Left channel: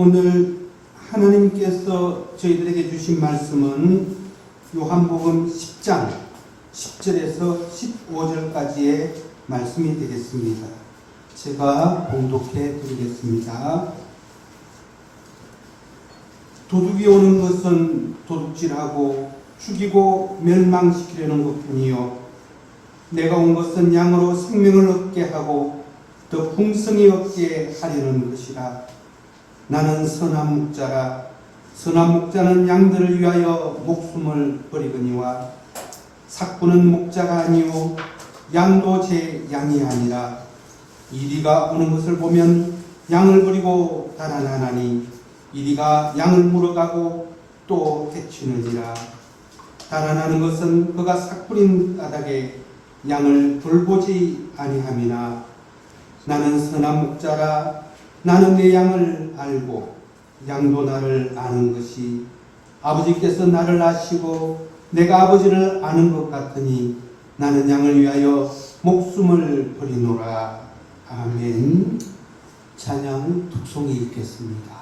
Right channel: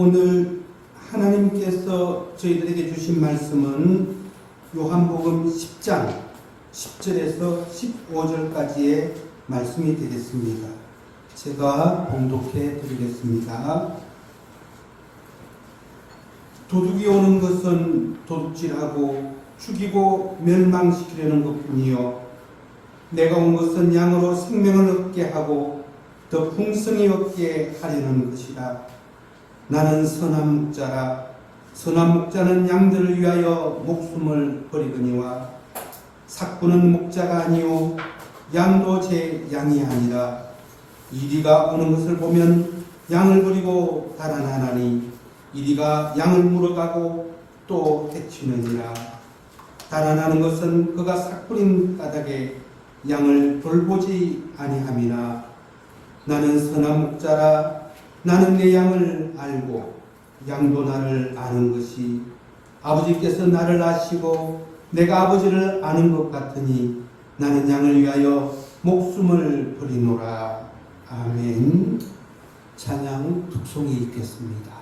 오늘 하나님께서 저희들에게 주신 말씀은 요한복음 10장 10절에서 15절까지의 말씀이 되겠습니다. 제가 봉독해 드리겠습니다. 도둑이 오는 것은 도둑질하고 죽이고 멸망시키려는 것뿐이요 내가 온 것은 양으로 생명을 얻게 하고 더 풍성히 얻게 하려는 것이라. 나는 선한 목자라. 선한 목자는 양들을 위하여 목숨을 버리거니와 삭부는 목자가 아니요 양도 제 양이 아니라. 이리가 오는 것을 보면 양을 버리고 달아나나니 이리가 양을 물어가고 또 해치느니라. 달아나는 것은 그가 삭부린 까닭에 양을 돌보지 아니함이나. 나는 선한 목자라. 나는 내 양을 알고 양도 나를 아는 것이 아버지께서 나를 아시고 내가 아버지를 아는 것 같으니 나는 양을 위하여 목숨을 버리노라. 아멘. 찬양 독송이 있겠습니다.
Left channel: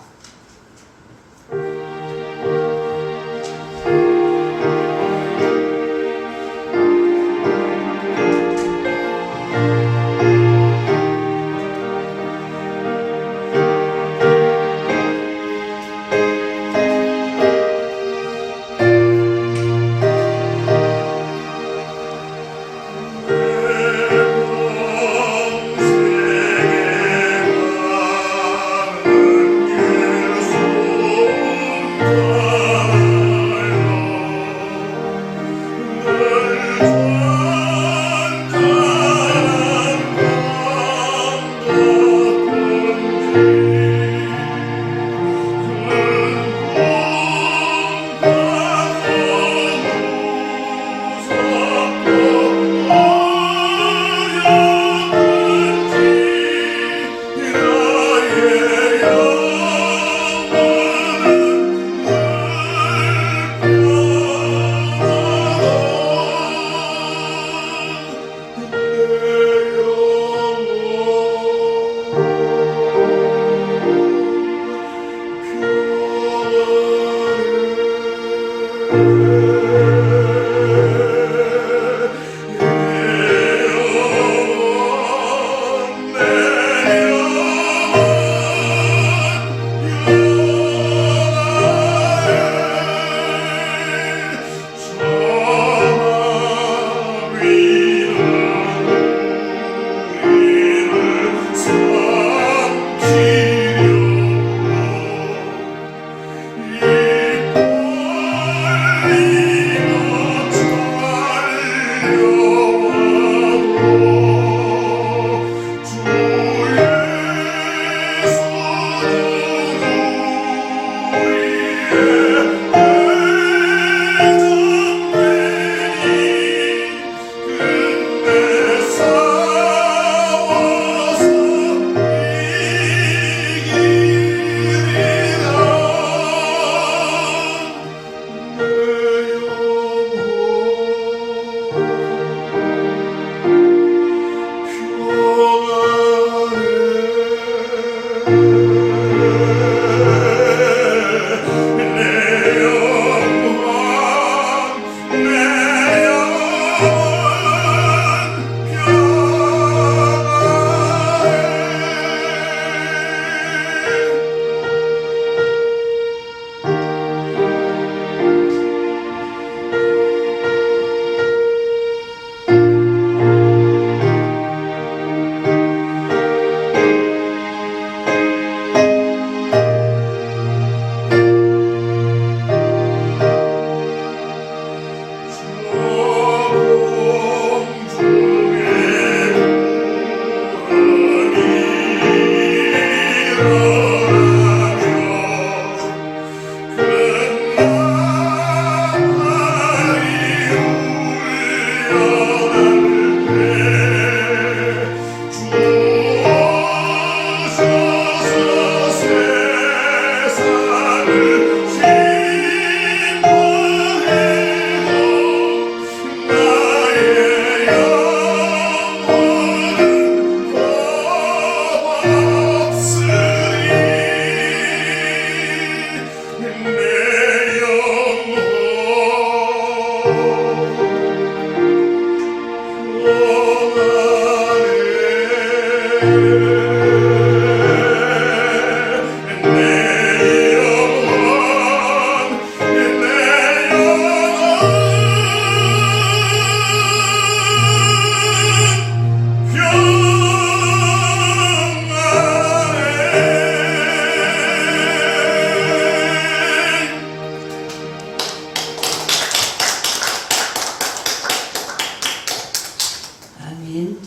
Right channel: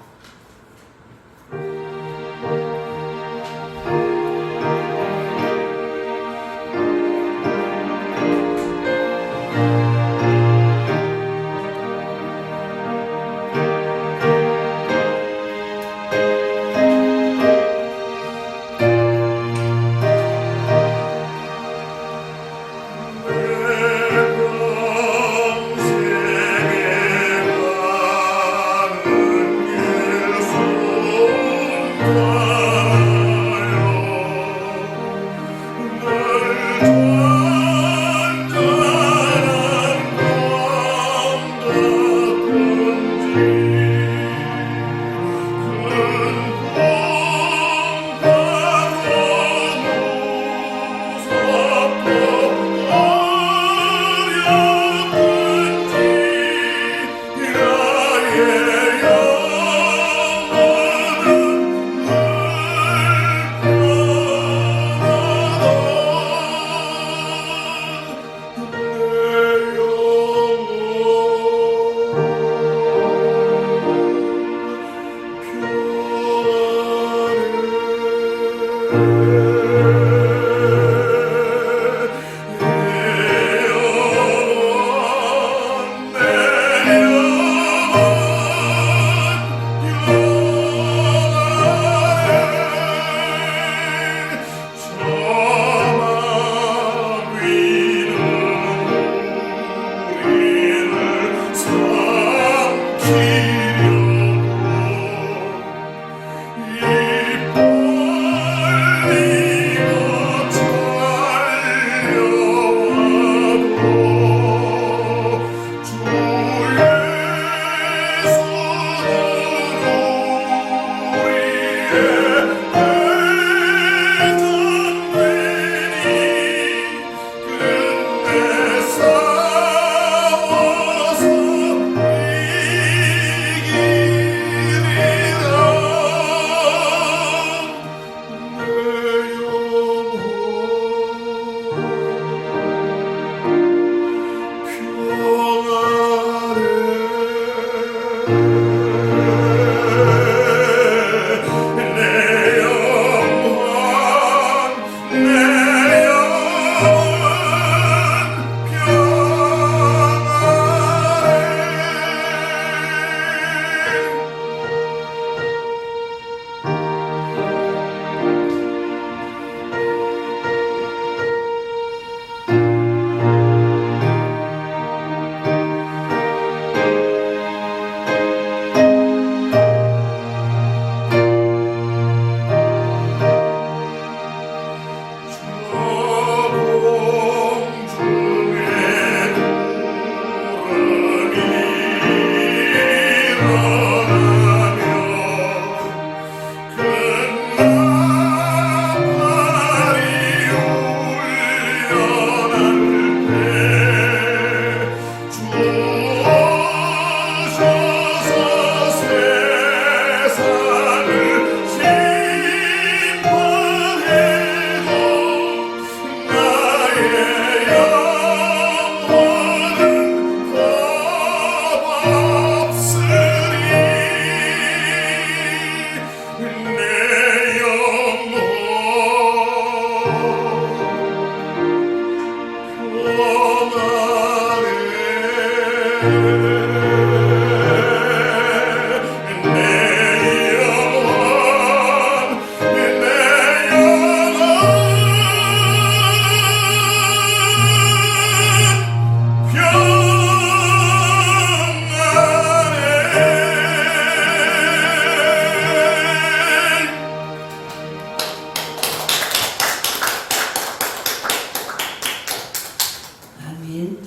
아멘.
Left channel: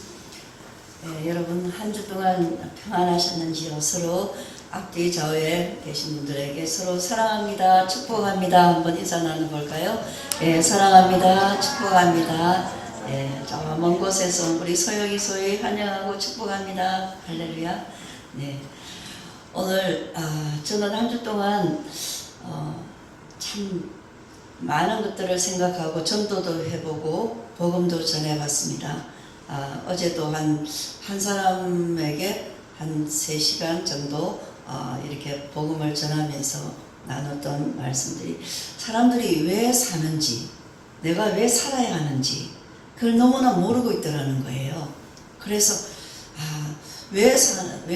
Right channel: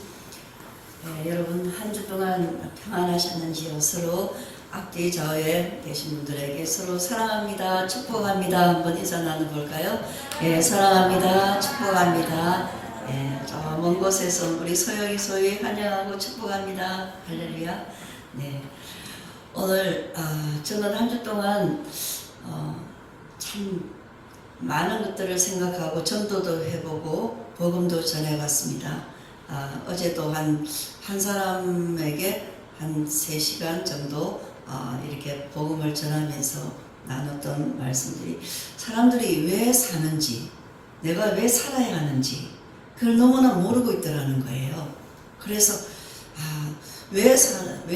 네, 여러분 한 주 동안 평안하셨는지요? 서로 앞뒤 좌우에 계신 분들에게 서로 사랑합니다, 축복합니다 한번 인사 나눠볼까요? 예, 사랑합니다, 축복합니다. 예, 저 먼 곳에서 우리 소영이 소위 환영하고 축복합니다. 할렐루야. 네, 오늘 저는 한 주 동안 참 많은 것들을 생각하고 전도도 해보고 복음도 전해봤습니다. 어제도 한 사람에게 한 3시간 정도 이렇게 복음을 전하면서 나눴던 말씀들이 사람들이 왜 사는지, 내가 왜 살아야 하는지 그걸 너무나 모르고 있더라는 거예요. 그래서 왜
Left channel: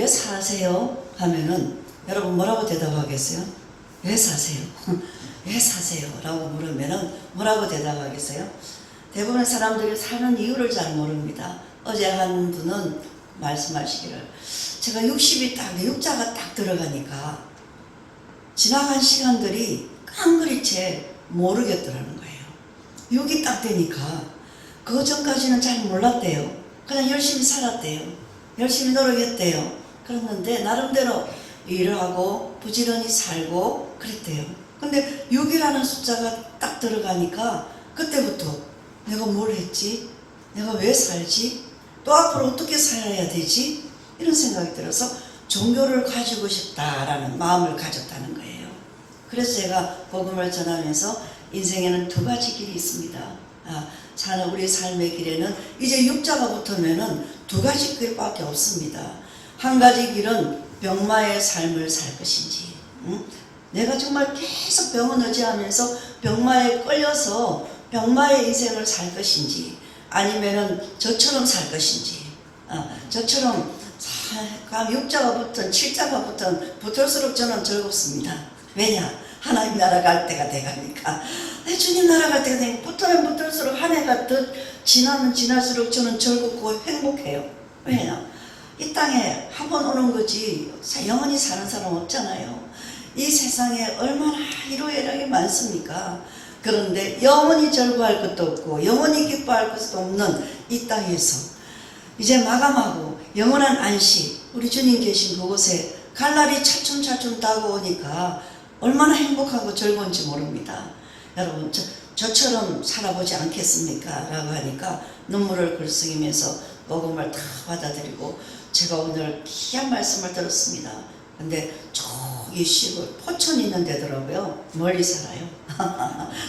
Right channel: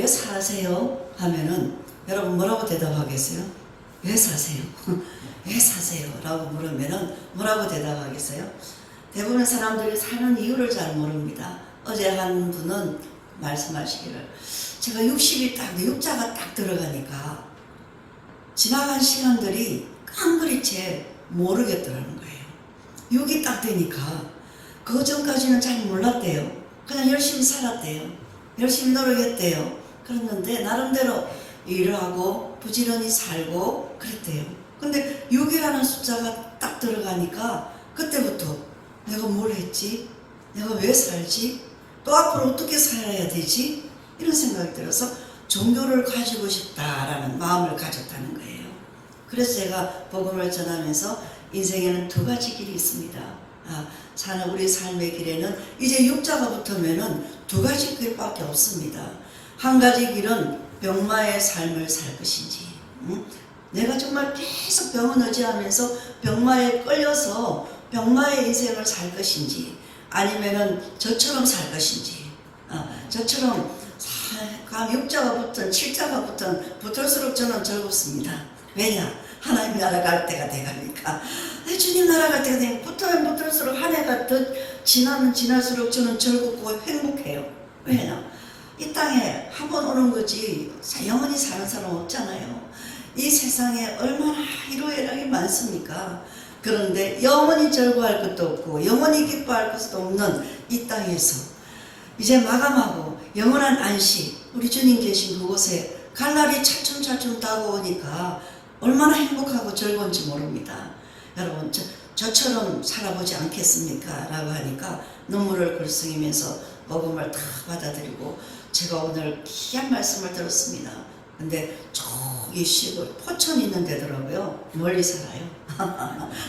사세요? 하면은 여러분 뭐라고 대답하겠어요? 왜 사세요? 왜 사세요? 라고 물으면은 뭐라고 대답하겠어요? 대부분 사람들이 사는 이유를 잘 모릅니다. 어제 한 분은 말씀하시기를 제가 60이 딱, 육자가 딱 들어가니까 지나간 시간들이 깡그리채 모르겠더라는 거예요. 6이 딱 되니까 그 전까지는 잘 몰랐대요. 그냥 열심히 살았대요. 열심히 노력했대요. 그랬는데 나름대로 일을 하고 부지런히 살고 그랬대요. 근데 6이라는 숫자가 딱 들어가니까 그때부터 내가 뭘 했지? 내가 왜 살지? 또 앞으로 어떻게 살아야 되지? 이런 생각이 들어서 종교를 가지고 싶다라는 마음을 가졌다는 거예요. 그래서 제가 복음을 전하면서 인생에는 2가지 길이 있습니다. 사는 우리 삶의 길에는 이제 육자가 붙으면은 2가지 길밖에 없습니다. 한 가지 길은 병마의 삶을 살 것인지, 내가 정말 계속 병을 의지하면서 병마에 끌려서 병마의 인생을 살 것인지, 아니면은 저처럼 살 것인지, 저처럼 육자가 붙든 7자가 붙든 붙을수록 저는 즐겁습니다. 왜냐? 하나님 나라 갈 때가 돼가니까. 주님 나라 갈 때가 되니까 붙으면 붙을수록 한 해가 더 지나면 지날수록 저는 즐겁고 행복해요. 왜냐? 이 땅에 한 번 오는 거지 영원히 사는 사람 없잖아요. 이 세상에 얼마나 희로애락이 많습니까? 그런데 영원히 즐거워할 것도 없고 영원히 기뻐할 것도 없는 이 땅에서 이제 마감하고 영원한 안식, 우리 주님 계신 그곳에 갈 날이 차츰차츰 다가오니까 얼마나 행복하고 즐거운지 모릅니다. 여러분 저처럼 살아보지 않겠습니까? 라고 하니까 눈물을 글썽이면서 복음을 다 받아들이고 제가 오늘 귀한 말씀을 들었습니다. 근데 저기 시골 포천 있는 데더라고요. 멀리 살아요.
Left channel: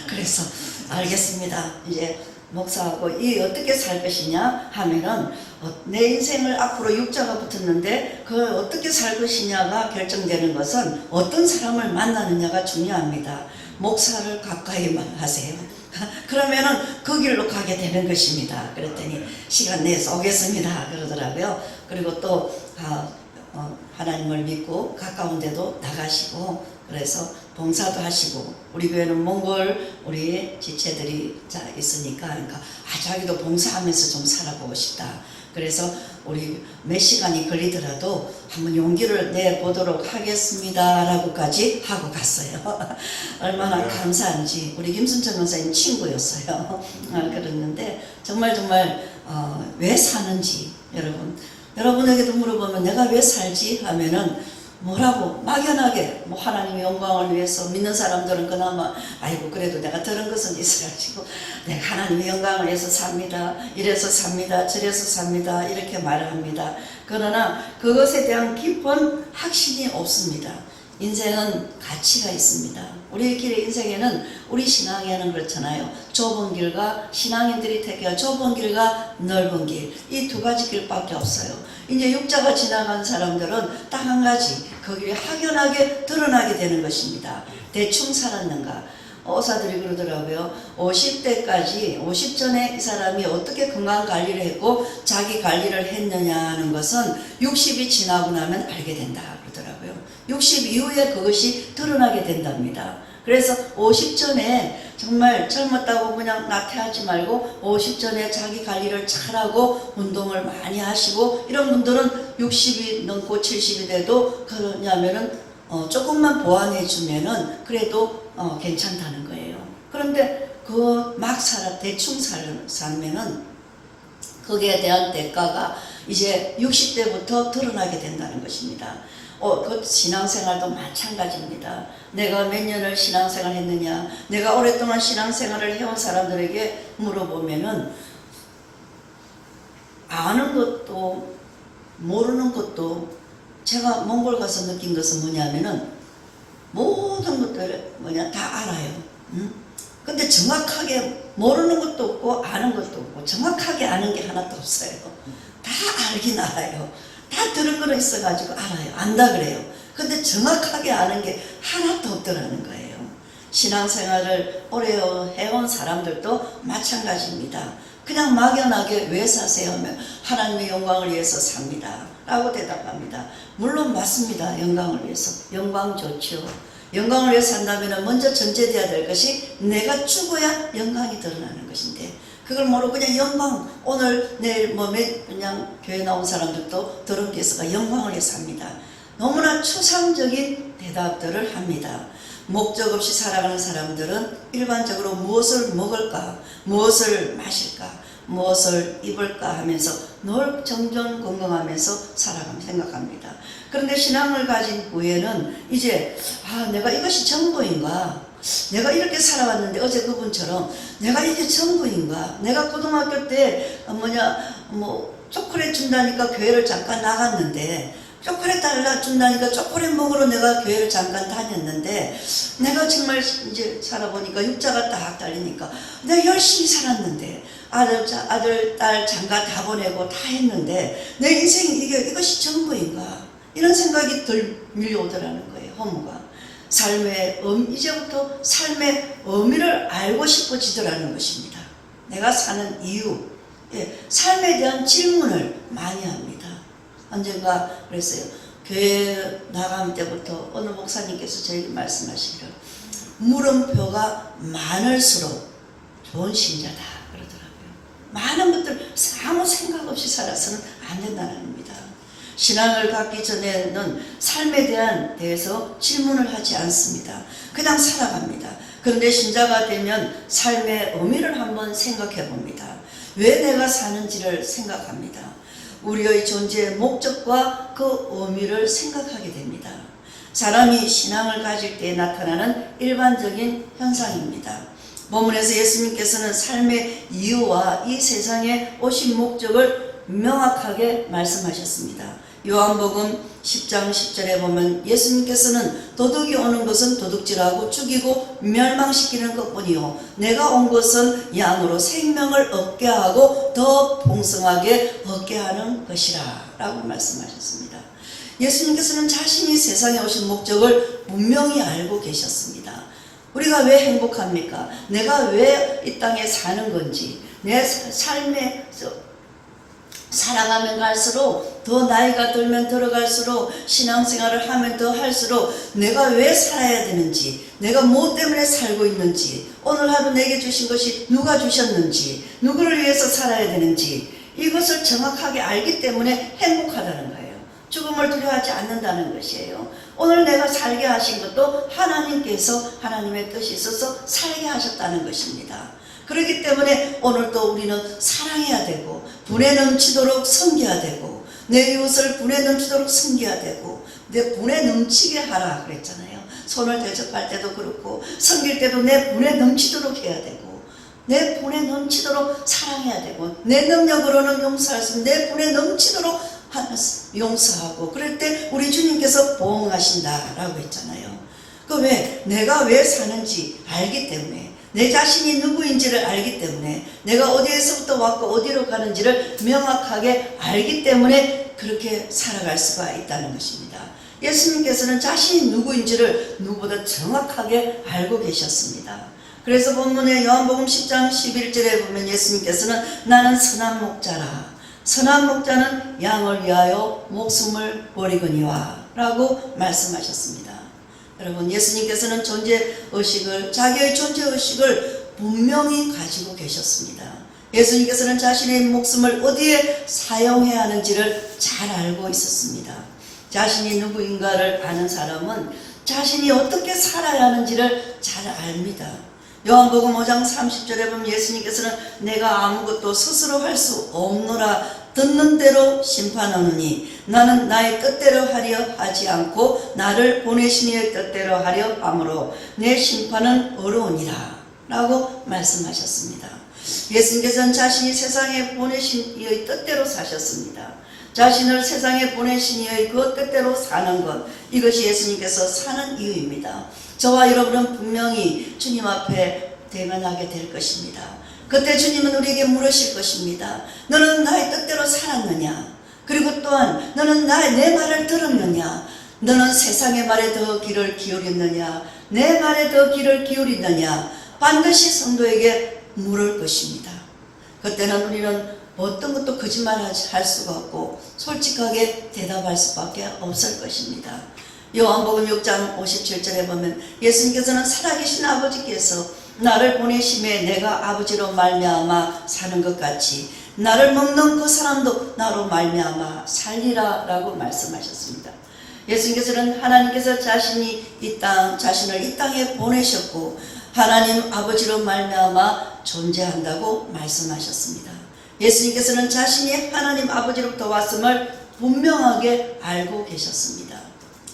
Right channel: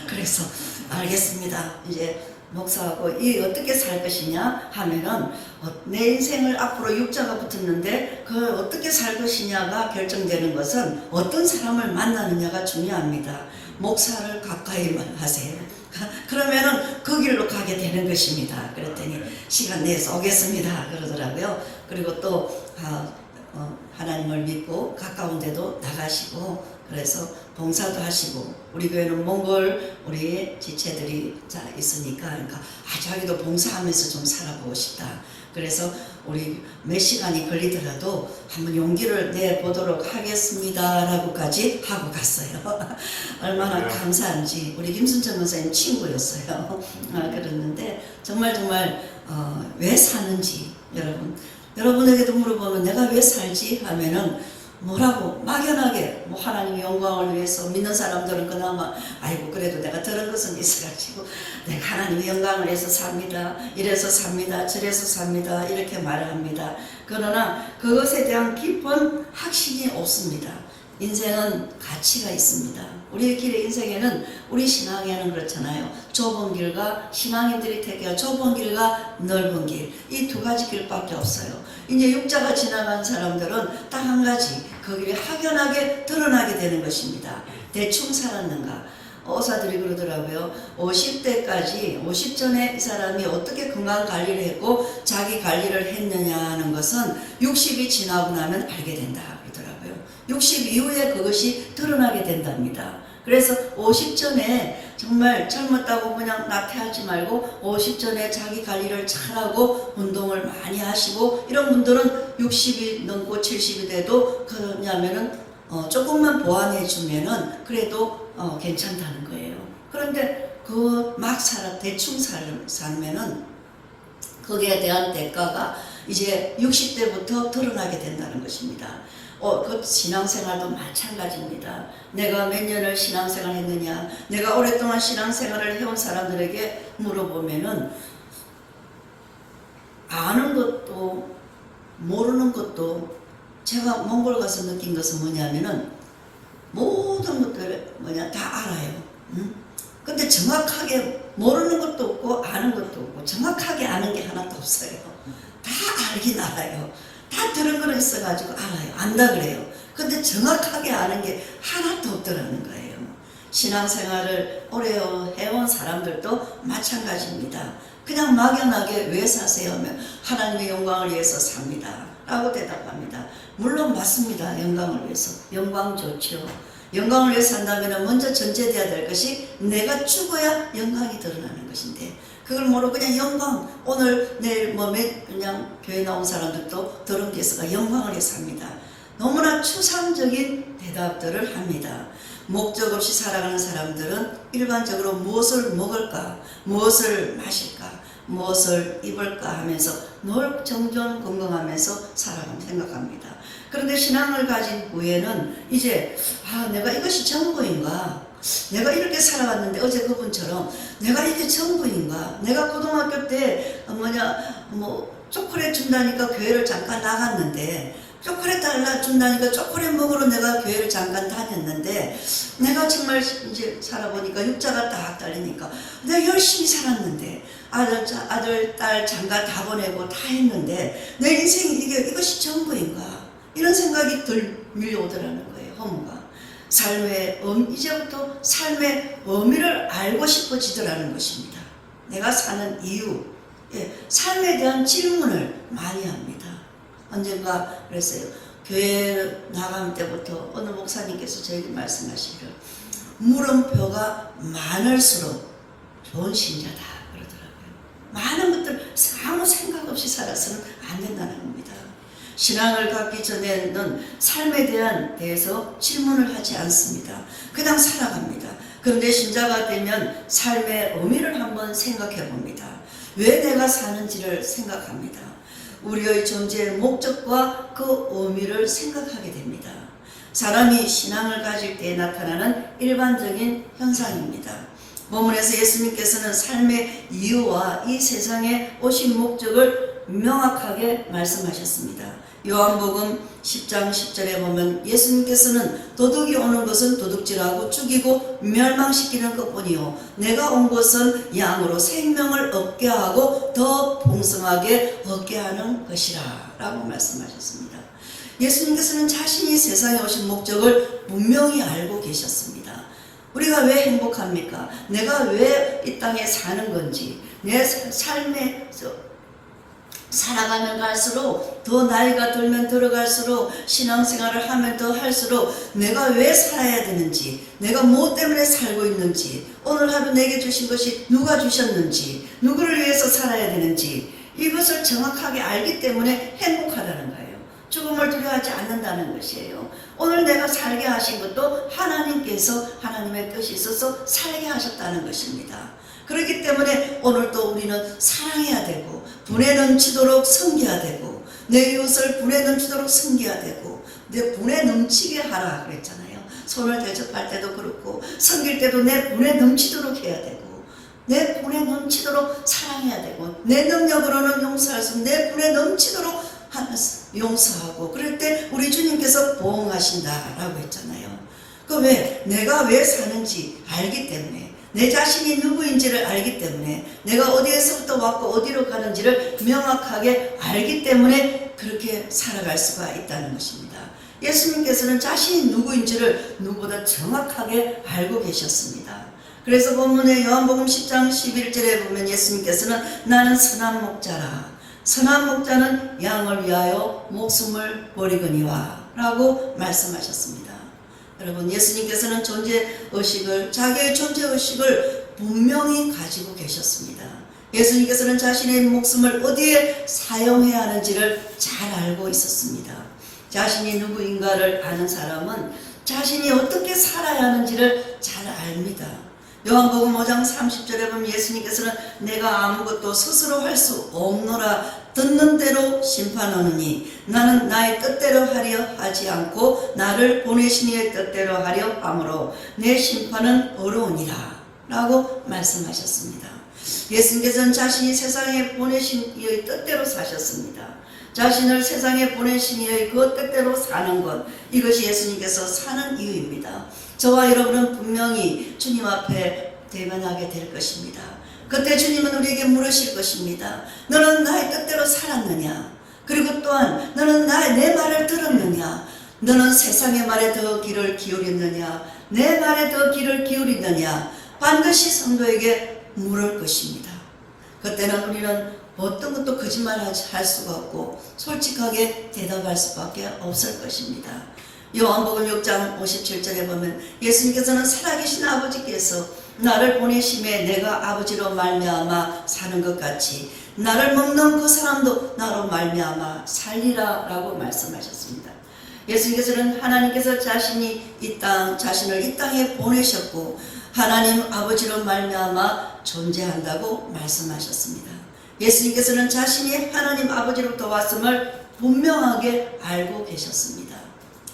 그래서 알겠습니다. 이제 목사하고 이 어떻게 살 것이냐 하면은 내 인생을 앞으로 육자가 붙었는데 그걸 어떻게 살 것이냐가 결정되는 것은 어떤 사람을 만나느냐가 중요합니다. 목사를 가까이 하세요. 그러면은 그 길로 가게 되는 것입니다. 그랬더니 시간 내서 오겠습니다 그러더라고요. 그리고 또 하나님을 믿고 가까운 데도 나가시고 그래서 봉사도 하시고 우리 교회는 몽골 우리 지체들이 있으니까 그러니까 자기도 봉사하면서 좀 살아보고 싶다. 그래서 우리 몇 시간이 걸리더라도 한번 용기를 내보도록 하겠습니다 라고까지 하고 갔어요. 얼마나 감사한지. 우리 김순천 목사님 친구였어요. 그랬는데 정말 왜 사는지 여러분에게도 물어보면 내가 왜 살지 하면은 뭐라고 막연하게 하나님의 영광을 위해서 믿는 사람들은 그나마 아이고 그래도 내가 들은 것은 있어가지고 내가 하나님의 영광을 위해서 삽니다. 이래서 삽니다. 저래서 삽니다. 이렇게 말을 합니다. 그러나 그것에 대한 깊은 확신이 없습니다. 인생은 가치가 있습니다. 우리 길의 인생에는 우리 신앙에는 그렇잖아요. 좁은 길과 신앙인들이 택한 좁은 길과 넓은 길 이 2가지 길밖에 없어요. 이제 육자가 지나간 사람들은 딱 한 가지 그 길이 확연하게 드러나게 되는 것입니다. 대충 살았는가 의사들이 그러더라고요. 50대까지 50전에 이 사람이 어떻게 건강 관리를 했고 자기 관리를 했느냐 하는 것은 60이 지나고 나면 알게 된다 그러더라고요. 60 이후에 그것이 드러나게 된답니다. 그래서 50전에 정말 젊었다고 그냥 나태하지 말고 50전에 자기 관리를 잘하고 운동을 많이 하시고 이런 분들은 60이 넘고 70이 돼도 그러냐면은 조금만 보완해 주면은 그래도 괜찮다는 거예요. 그런데 그 막 대충 살면은 거기에 대한 대가가 이제 60대부터 드러나게 된다는 것입니다. 그 신앙생활도 마찬가지입니다. 내가 몇 년을 신앙생활 했느냐, 내가 오랫동안 신앙생활을 해온 사람들에게 물어보면은 아는 것도 모르는 것도 제가 몽골 가서 느낀 것은 뭐냐면은 모든 것들을 다 알아요. 근데 정확하게 모르는 것도 없고 아는 것도 없고 정확하게 아는 게 하나도 없어요. 다 알긴 알아요. 다 들은 거로 있어가지고 알아요. 안다 그래요. 근데 정확하게 아는 게 하나도 없더라는 거예요. 신앙생활을 오래 해온 사람들도 마찬가지입니다. 그냥 막연하게 왜 사세요 하면 하나님의 영광을 위해서 삽니다 라고 대답합니다. 물론 맞습니다. 영광을 위해서. 영광 좋죠. 영광을 위해서 산다면 먼저 전제돼야 될 것이 내가 죽어야 영광이 드러나는 것인데 그걸 모르고 그냥 영광 오늘 내일 그냥 교회 나온 사람들도 들은 데서가 영광을 위해서 합니다. 너무나 추상적인 대답들을 합니다. 목적 없이 살아가는 사람들은 일반적으로 무엇을 먹을까, 무엇을 마실까, 무엇을 입을까 하면서 늘 정전건강하면서 생각합니다. 그런데 신앙을 가진 후에는 이제 내가 이것이 전부인가, 내가 이렇게 살아왔는데 어제 그분처럼 내가 이게 전부인가, 내가 고등학교 때 초콜릿 준다니까 교회를 잠깐 나갔는데 초콜릿 달라 준다니까 초콜릿 먹으러 내가 교회를 잠깐 다녔는데 내가 정말 이제 살아보니까 육자가 딱 달리니까 내가 열심히 살았는데 아들, 딸 장가 다 보내고 다 했는데 내 인생이 이것이 전부인가 이런 생각이 밀려오더라는 거예요. 허무가. 이제부터 삶의 의미를 알고 싶어지더라는 것입니다. 내가 사는 이유, 삶에 대한 질문을 많이 합니다. 언젠가 그랬어요. 교회 나갈 때부터 어느 목사님께서 저에게 말씀하시기를 물음표가 많을수록 좋은 신자다 그러더라고요. 많은 것들 아무 생각 없이 살아서는 안 된다는 겁니다. 신앙을 갖기 전에는 삶에 대해서 질문을 하지 않습니다. 그냥 살아갑니다. 그런데 신자가 되면 삶의 의미를 한번 생각해 봅니다. 왜 내가 사는지를 생각합니다. 우리의 존재의 목적과 그 의미를 생각하게 됩니다. 사람이 신앙을 가질 때 나타나는 일반적인 현상입니다. 본문에서 예수님께서는 삶의 이유와 이 세상에 오신 목적을 명확하게 말씀하셨습니다. 요한복음 10장 10절에 보면 예수님께서는 도둑이 오는 것은 도둑질하고 죽이고 멸망시키는 것뿐이요 내가 온 것은 양으로 생명을 얻게 하고 더 풍성하게 얻게 하는 것이라 라고 말씀하셨습니다. 예수님께서는 자신이 세상에 오신 목적을 분명히 알고 계셨습니다. 우리가 왜 행복합니까? 내가 왜 이 땅에 사는 건지, 내 삶에서 살아가면 갈수록 더 나이가 들면 들어갈수록 신앙생활을 하면 더 할수록 내가 왜 살아야 되는지, 내가 무엇 때문에 살고 있는지, 오늘 하루 내게 주신 것이 누가 주셨는지, 누구를 위해서 살아야 되는지 이것을 정확하게 알기 때문에 행복하다는 거예요. 죽음을 두려워하지 않는다는 것이에요. 오늘 내가 살게 하신 것도 하나님께서 하나님의 뜻이 있어서 살게 하셨다는 것입니다. 그렇기 때문에 오늘도 우리는 사랑해야 되고 분에 넘치도록 섬겨야 되고 내 이웃을 분에 넘치도록 섬겨야 되고 내 분에 넘치게 하라 그랬잖아요. 손을 대접할 때도 그렇고 섬길 때도 내 분에 넘치도록 해야 되고 내 분에 넘치도록 사랑해야 되고 내 능력으로는 용서할 수 있는 내 분에 넘치도록 용서하고 그럴 때 우리 주님께서 보응하신다라고 했잖아요. 내가 왜 사는지 알기 때문에 내 자신이 누구인지를 알기 때문에 내가 어디에서부터 왔고 어디로 가는지를 명확하게 알기 때문에 그렇게 살아갈 수가 있다는 것입니다. 예수님께서는 자신이 누구인지를 누구보다 정확하게 알고 계셨습니다. 그래서 본문의 요한복음 10장 11절에 보면 예수님께서는 나는 선한 목자라. 선한 목자는 양을 위하여 목숨을 버리거니와 라고 말씀하셨습니다. 여러분, 예수님께서는 존재의식을, 자기의 존재의식을 분명히 가지고 계셨습니다. 예수님께서는 자신의 목숨을 어디에 사용해야 하는지를 잘 알고 있었습니다. 자신이 누구인가를 아는 사람은 자신이 어떻게 살아야 하는지를 잘 압니다. 요한복음 5장 30절에 보면 예수님께서는 내가 아무것도 스스로 할 수 없노라 듣는 대로 심판하느니 나는 나의 뜻대로 하려 하지 않고 나를 보내신 이의 뜻대로 하려 하므로 내 심판은 어려우니라 라고 말씀하셨습니다. 예수님께서는 자신이 세상에 보내신 이의 뜻대로 사셨습니다. 자신을 세상에 보내신 이의 그 뜻대로 사는 것, 이것이 예수님께서 사는 이유입니다. 저와 여러분은 분명히 주님 앞에 대면하게 될 것입니다. 그때 주님은 우리에게 물으실 것입니다. 너는 나의 뜻대로 살았느냐? 그리고 또한 너는 내 말을 들었느냐? 너는 세상의 말에 더 귀를 기울였느냐? 내 말에 더 귀를 기울이느냐? 반드시 성도에게 물을 것입니다. 그때는 우리는 어떤 것도 거짓말할 수가 없고 솔직하게 대답할 수밖에 없을 것입니다. 요한복음 6장 57절에 보면 예수님께서는 살아계신 아버지께서 나를 보내심에 내가 아버지로 말미암아 사는 것 같이 나를 먹는 그 사람도 나로 말미암아 살리라 라고 말씀하셨습니다. 예수님께서는 하나님께서 자신을 이 땅에 보내셨고 하나님 아버지로 말미암아 존재한다고 말씀하셨습니다. 예수님께서는 자신이 하나님 아버지로부터 왔음을 분명하게 알고 계셨습니다.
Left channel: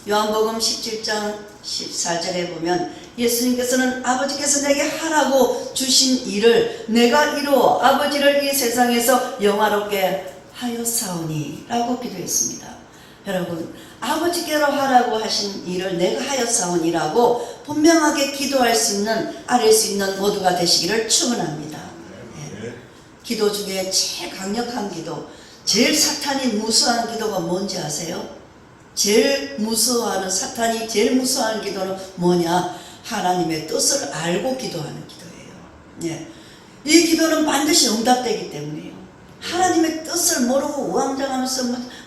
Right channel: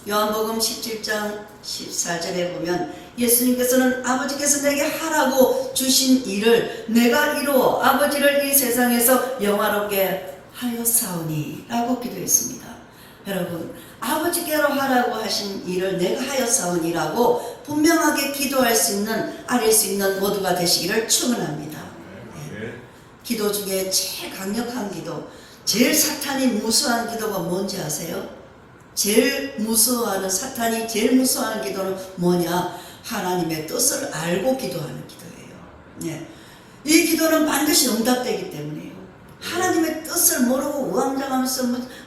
요한복음 17장 14절에 보면 예수님께서는 아버지께서 내게 하라고 주신 일을 내가 이루어 아버지를 이 세상에서 영화롭게 하였사오니 라고 기도했습니다. 여러분, 아버지께로 하라고 하신 일을 내가 하였사오니라고 분명하게 기도할 수 있는, 아뢰 수 있는 모두가 되시기를 축원합니다. 네. 기도 중에 제일 강력한 기도, 제일 사탄이 무서워하는 기도가 뭔지 아세요? 제일 무서워하는, 사탄이 제일 무서워하는 기도는 뭐냐? 하나님의 뜻을 알고 기도하는 기도예요. 네. 이 기도는 반드시 응답되기 때문에요. 하나님의 뜻을 모르고 우왕좌왕하면서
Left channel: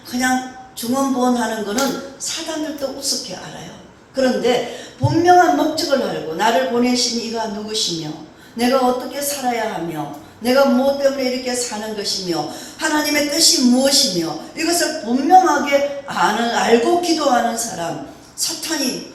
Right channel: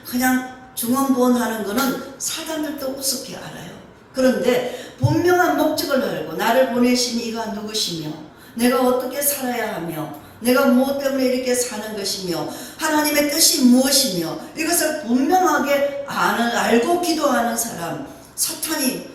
그냥 중언부언하는 것은 사단들도 우습게 알아요. 그런데 분명한 목적을 알고 나를 보내신 이가 누구시며 내가 어떻게 살아야 하며 내가 무엇 때문에 이렇게 사는 것이며 하나님의 뜻이 무엇이며 이것을 분명하게 알고 기도하는 사람, 사탄이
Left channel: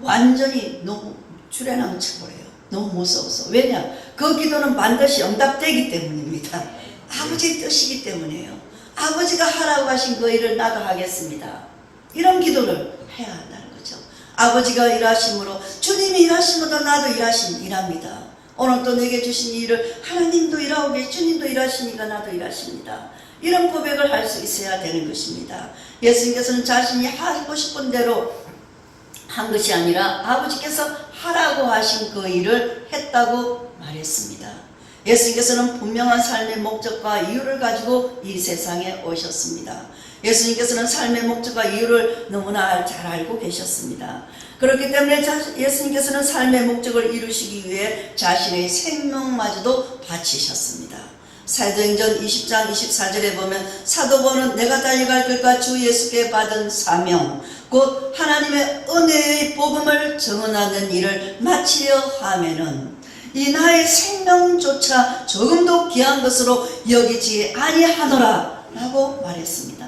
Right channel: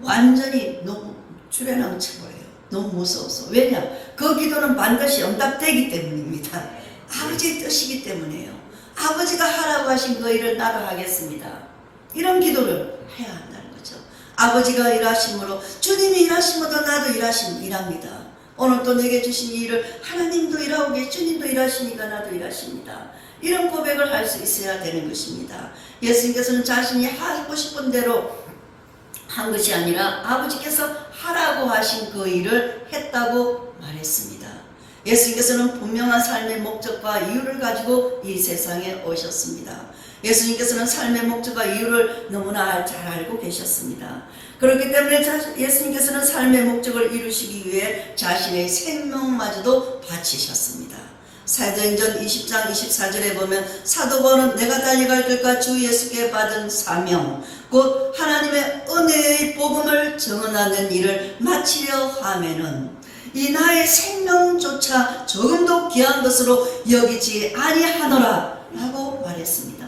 완전히 너무 주례남쳐버려요. 너무 무서워서. 왜냐? 그 기도는 반드시 응답되기 때문입니다. 아버지의 뜻이기 때문이에요. 아버지가 하라고 하신 그 일을 나도 하겠습니다. 이런 기도를 해야 한다는 거죠. 아버지가 일하심으로, 주님이 일하심으로 나도 일합니다. 오늘 또 내게 주신 일을 하나님도 일하고 계시, 주님도 일하시니까 나도 일하십니다. 이런 고백을 할 수 있어야 되는 것입니다. 예수님께서는 자신이 하고 싶은 대로 한 것이 아니라 아버지께서 하라고 하신 그 일을 했다고 말했습니다. 예수님께서는 분명한 삶의 목적과 이유를 가지고 이 세상에 오셨습니다. 예수님께서는 삶의 목적과 이유를 너무나 잘 알고 계셨습니다. 그렇기 때문에 예수님께서는 삶의 목적을 이루시기 위해 자신의 생명마저도 바치셨습니다. 사도행전 20장 24절에 보면 사도 바울은 내가 달려갈 길과 주 예수께 받은 사명 곧 하나님의 은혜의 복음을 전언하는 일을 마치려 하면은 이 나의 생명조차 조금도 귀한 것으로 여기지 아니하노라 라고 말했습니다.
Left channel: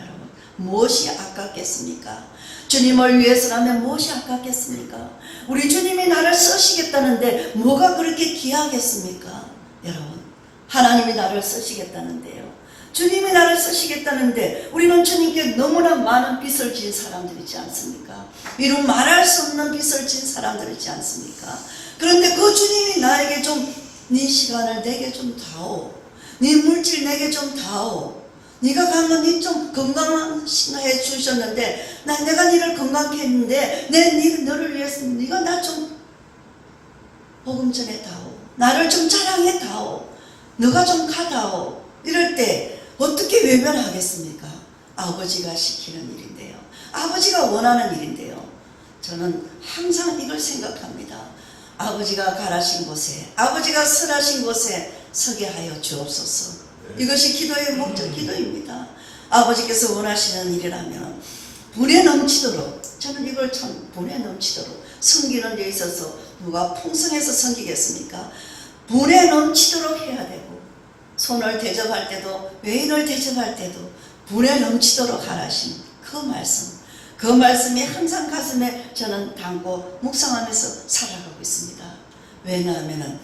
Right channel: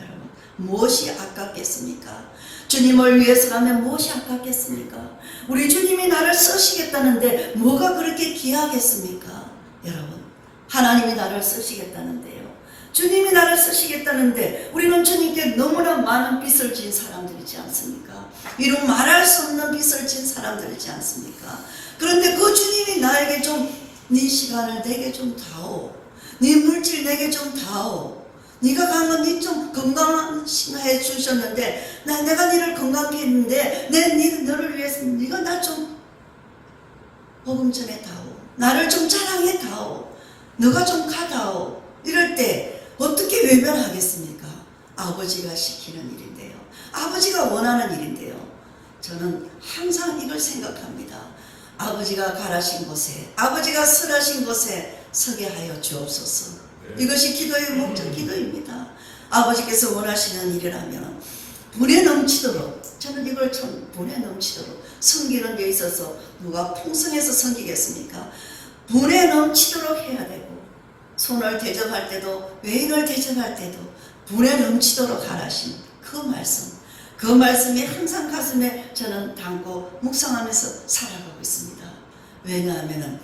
여러분, 무엇이 아깝겠습니까? 주님을 위해서라면 무엇이 아깝겠습니까? 우리 주님이 나를 쓰시겠다는데 뭐가 그렇게 귀하겠습니까? 여러분, 하나님이 나를 쓰시겠다는데요. 주님이 나를 쓰시겠다는데 우리는 주님께 너무나 많은 빚을 진 사람들이지 않습니까? 이런 말할 수 없는 빚을 진 사람들이지 않습니까? 그런데 그 주님이 나에게 좀 네 시간을 내게 좀 다오. 네 물질 내게 좀 다오. 네가 가면 네 좀 건강해 주셨는데 내가 네를 건강케 했는데 너를 위해서 네가 나 좀 복음 전해 다오. 나를 좀 자랑해 다오. 너가 좀 가다오. 이럴 때 어떻게 외면하겠습니까? 아버지가 시키는 일인데요. 아버지가 원하는 일인데요. 저는 항상 이걸 생각합니다. 아버지가 가라신 곳에, 아버지가 설하신 곳에 서게 하여 주옵소서. 이것이 기도의 목적 기도입니다. 아버지께서 원하시는 일이라면 분에 넘치도록, 저는 이걸 참 분에 넘치도록, 섬기는 데 있어서 누가 풍성해서 섬기겠습니까? 분에 넘치도록 해야 되고, 손을 대접할 때도, 외인을 대접할 때도 분에 넘치도록 하라신 그 말씀, 그 말씀이 항상 가슴에 저는 담고 묵상하면서 살아가고 있습니다. 왜냐하면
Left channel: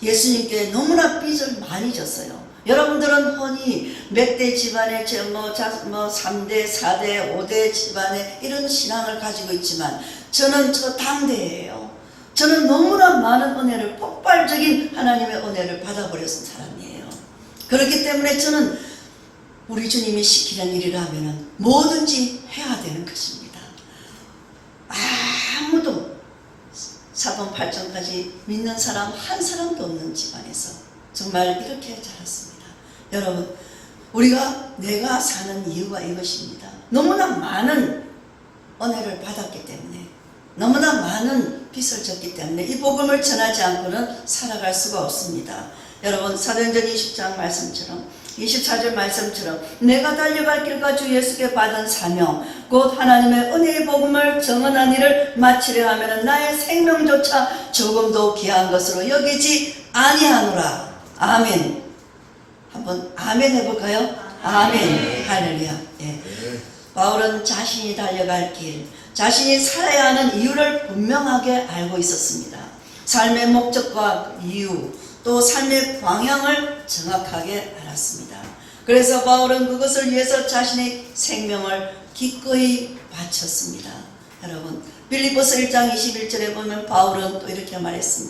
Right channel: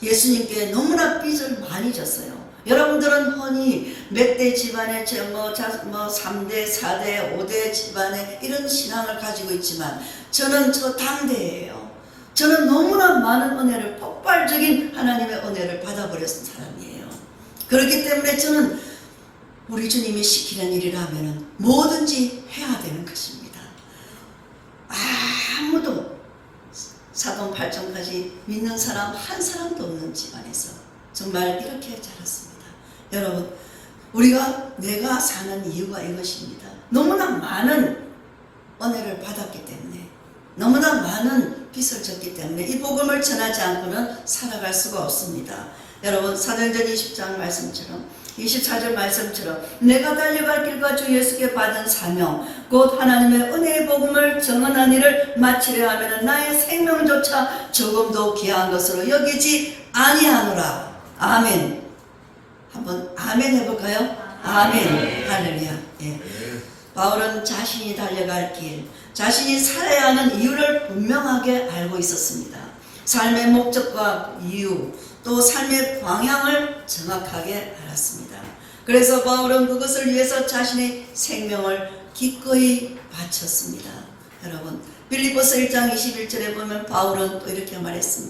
예수님께 너무나 빚을 많이 졌어요. 여러분들은 흔히 몇 대 집안에 3대, 4대, 5대 집안에 이런 신앙을 가지고 있지만 저는 저 당대예요. 저는 너무나 많은 은혜를, 폭발적인 하나님의 은혜를 받아버렸던 사람이에요. 그렇기 때문에 저는 우리 주님이 시키는 일이라면 뭐든지 해야 되는 것입니다. 아무도 사돈 8천까지 믿는 사람 한 사람도 없는 집안에서 정말 이렇게 자랐습니다. 여러분, 내가 사는 이유가 이것입니다. 너무나 많은 은혜를 받았기 때문에, 너무나 많은 빚을 졌기 때문에 이 복음을 전하지 않고는 살아갈 수가 없습니다. 여러분, 사도행전 20장 말씀처럼, 24절 말씀처럼 내가 달려갈 길과 주 예수께 받은 사명, 곧 하나님의 은혜의 복음을 정언한 일을 마치려 하면 나의 생명조차 조금도 귀한 것으로 여기지 아니하노라. 아멘. 한번 아멘 해볼까요? 아멘. 할렐루야. 예. 바울은 자신이 달려갈 길, 자신이 살아야 하는 이유를 분명하게 알고 있었습니다. 삶의 목적과 이유, 또 삶의 방향을 정확하게 알았습니다. 그래서 바울은 그것을 위해서 자신의 생명을 기꺼이 바쳤습니다. 여러분, 빌립보서 1장 21절에 보면 바울은 또 이렇게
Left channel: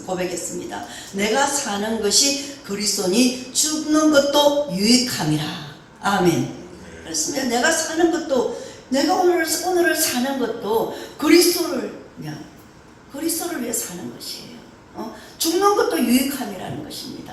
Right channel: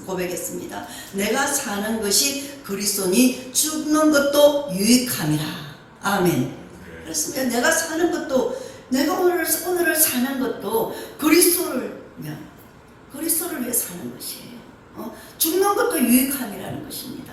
고백했습니다. 내가 사는 것이 그리스도니 죽는 것도 유익함이라. 아멘. 그렇습니다. 내가 사는 것도, 내가 오늘을 사는 것도 그리스도를 위해 사는 것이에요. 죽는 것도 유익함이라는 것입니다.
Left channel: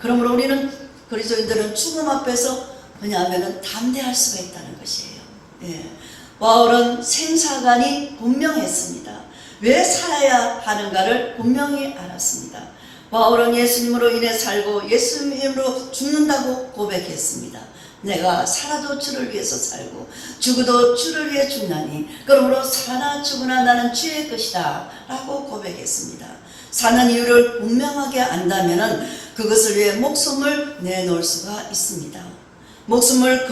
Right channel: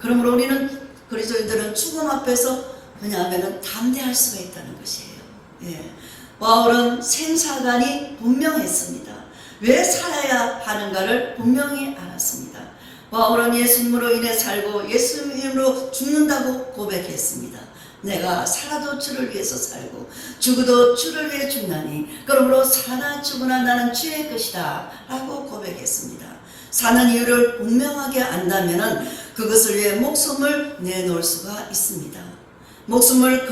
그러므로 우리는 그리스도인들은 죽음 앞에서 뭐냐면 담대할 수가 있다는 것이에요. 예. 바울은 생사관이 분명했습니다. 왜 살아야 하는가를 분명히 알았습니다. 바울은 예수님으로 인해 살고 예수님으로 죽는다고 고백했습니다. 내가 살아도 주를 위해서 살고 죽어도 주를 위해 죽나니 그러므로 사나 죽으나 나는 주의 것이다 라고 고백했습니다. 사는 이유를 분명하게 안다면 그것을 위해 목숨을 내놓을 수가 있습니다. 목숨을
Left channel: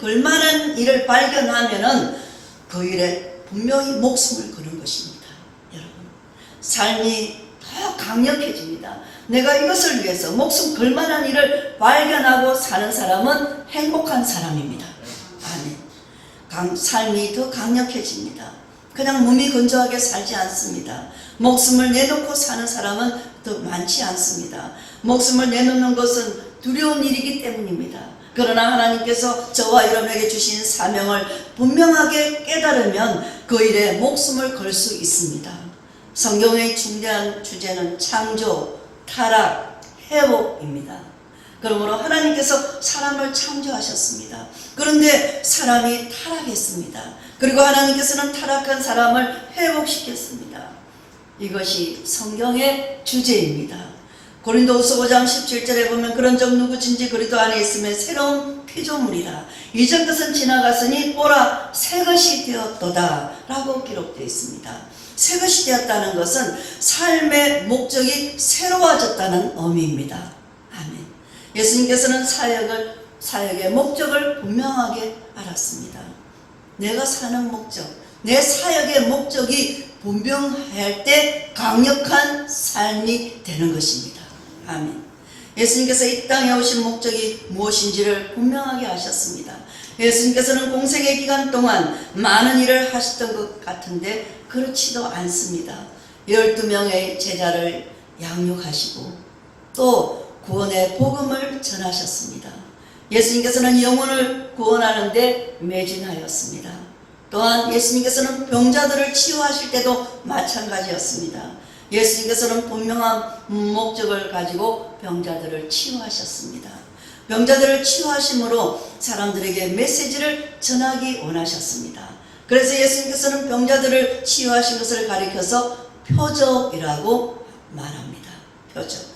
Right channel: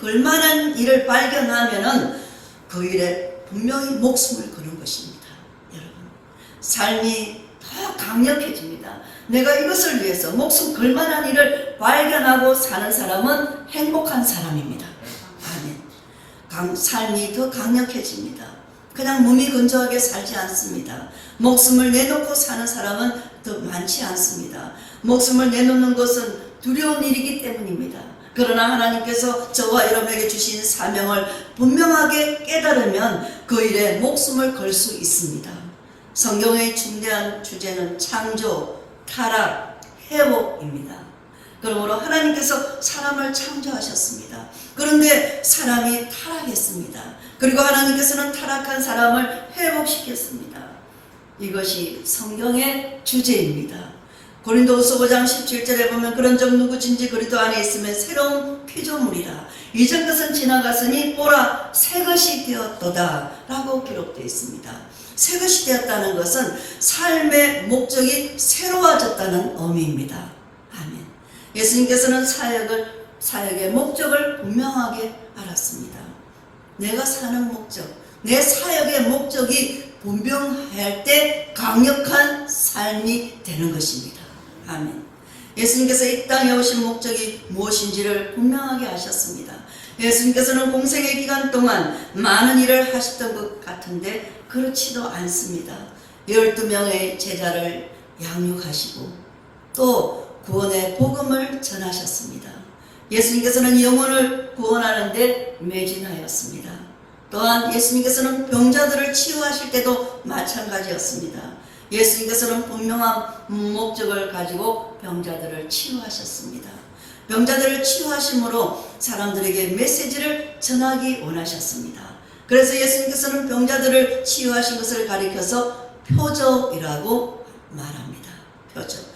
걸 만한 일을 발견하면 그 일에 분명히 목숨을 거는 것입니다. 여러분, 삶이 더 강력해집니다. 내가 이것을 위해서 목숨 걸 만한 일을 발견하고 사는 사람은 행복한 사람입니다. 아멘. 삶이 더 강력해집니다. 그냥 몸이 건조하게 살지 않습니다. 목숨을 내놓고 사는 사람은 더 많지 않습니다. 목숨을 내놓는 것은 두려운 일이기 때문입니다. 그러나 하나님께서 저와 여러분에게 주신 사명을 분명하게 깨달으면 그 일에 목숨을 걸 수 있습니다. 성경의 중대한 주제는 창조, 타락, 회복입니다. 그러므로 하나님께서 사람을 창조하셨습니다. 그런데 사람이 타락했습니다. 그리고 하나님께서는 타락한 사람을 회복시켰습니다. 이것이 성경의 주제입니다. 고린도후서 5장 17절에 보면 그런즉 누구든지 그리스도 안에 있으면 새로운 피조물이라 이전 것은 지나갔으니 보라 새 것이 되었도다 라고 기록되어 있습니다. 새 것이 되었다는 것은 삶의 목적이 새로워졌다는 의미입니다. 아멘. 예수님께서는 사역의 목적을 분명하게 알았습니다. 내가 사는 목적, 내 사역의 목적이 분명할 때 강력한 삶이 되는 것입니다. 아멘. 예수님께서 이 땅에 오신 목적이 무엇인지를 분명하게 하셨습니다. 예수님께서는 공생의 기간 동안 많은 일을 하셨던 것 같은데 그렇지도 않습니다. 12명의 제자를 양육하시고 또 구원의 복음을 전하셨습니다. 예수님께서는 영혼을 구원하는데 매진하였습니다. 또한 예수님께서는 병자들을 치유하실 때도 마찬가지였습니다. 예수님께서는 분명한 목적을 가지고 병자들을 치유하셨습니다. 병자들을 치유하심으로 사람들에게 메시지를 전하기 원하셨습니다. 그래서 예수님께서는 병자들을 치유하신 것을 가리켜서 표적이라고 말합니다. 표적.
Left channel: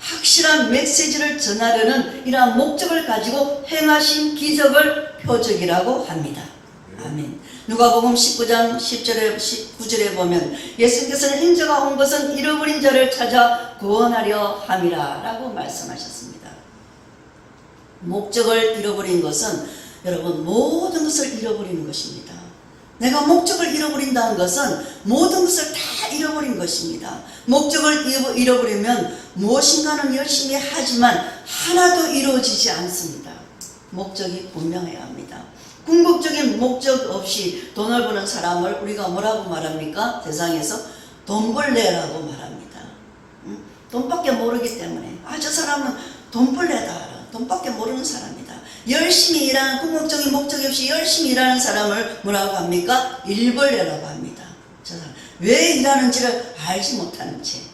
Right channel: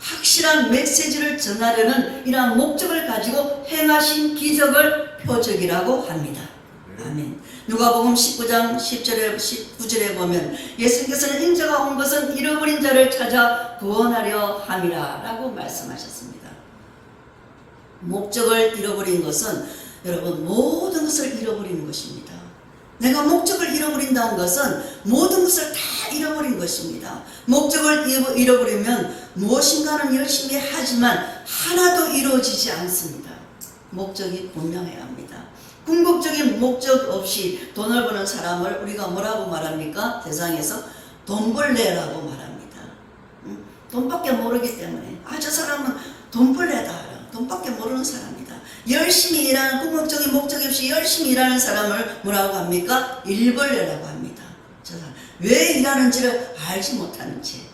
확실한 메시지를 전하려는 이러한 목적을 가지고 행하신 기적을 표적이라고 합니다. 아멘. 누가복음 19장 10절에 19절에 보면 예수님께서는 인자가 온 것은 잃어버린 자를 찾아 구원하려 함이라 라고 말씀하셨습니다. 목적을 잃어버린 것은 여러분 모든 것을 잃어버리는 것입니다. 내가 목적을 잃어버린다는 것은 모든 것을 다 잃어버린 것입니다. 목적을 잃어버리면 무엇인가는 열심히 하지만 하나도 이루어지지 않습니다. 목적이 분명해야 합니다. 궁극적인 목적 없이 돈을 버는 사람을 우리가 뭐라고 말합니까? 세상에서 돈벌레라고 말합니다. 돈밖에 모르기 때문에 저 사람은 돈벌레다. 돈밖에 모르는 사람이다. 열심히 일하는 궁극적인 목적이 없이 열심히 일하는 사람을 뭐라고 합니까? 일벌레라고 합니다. 저 사람 왜 일하는지를 알지 못하는지,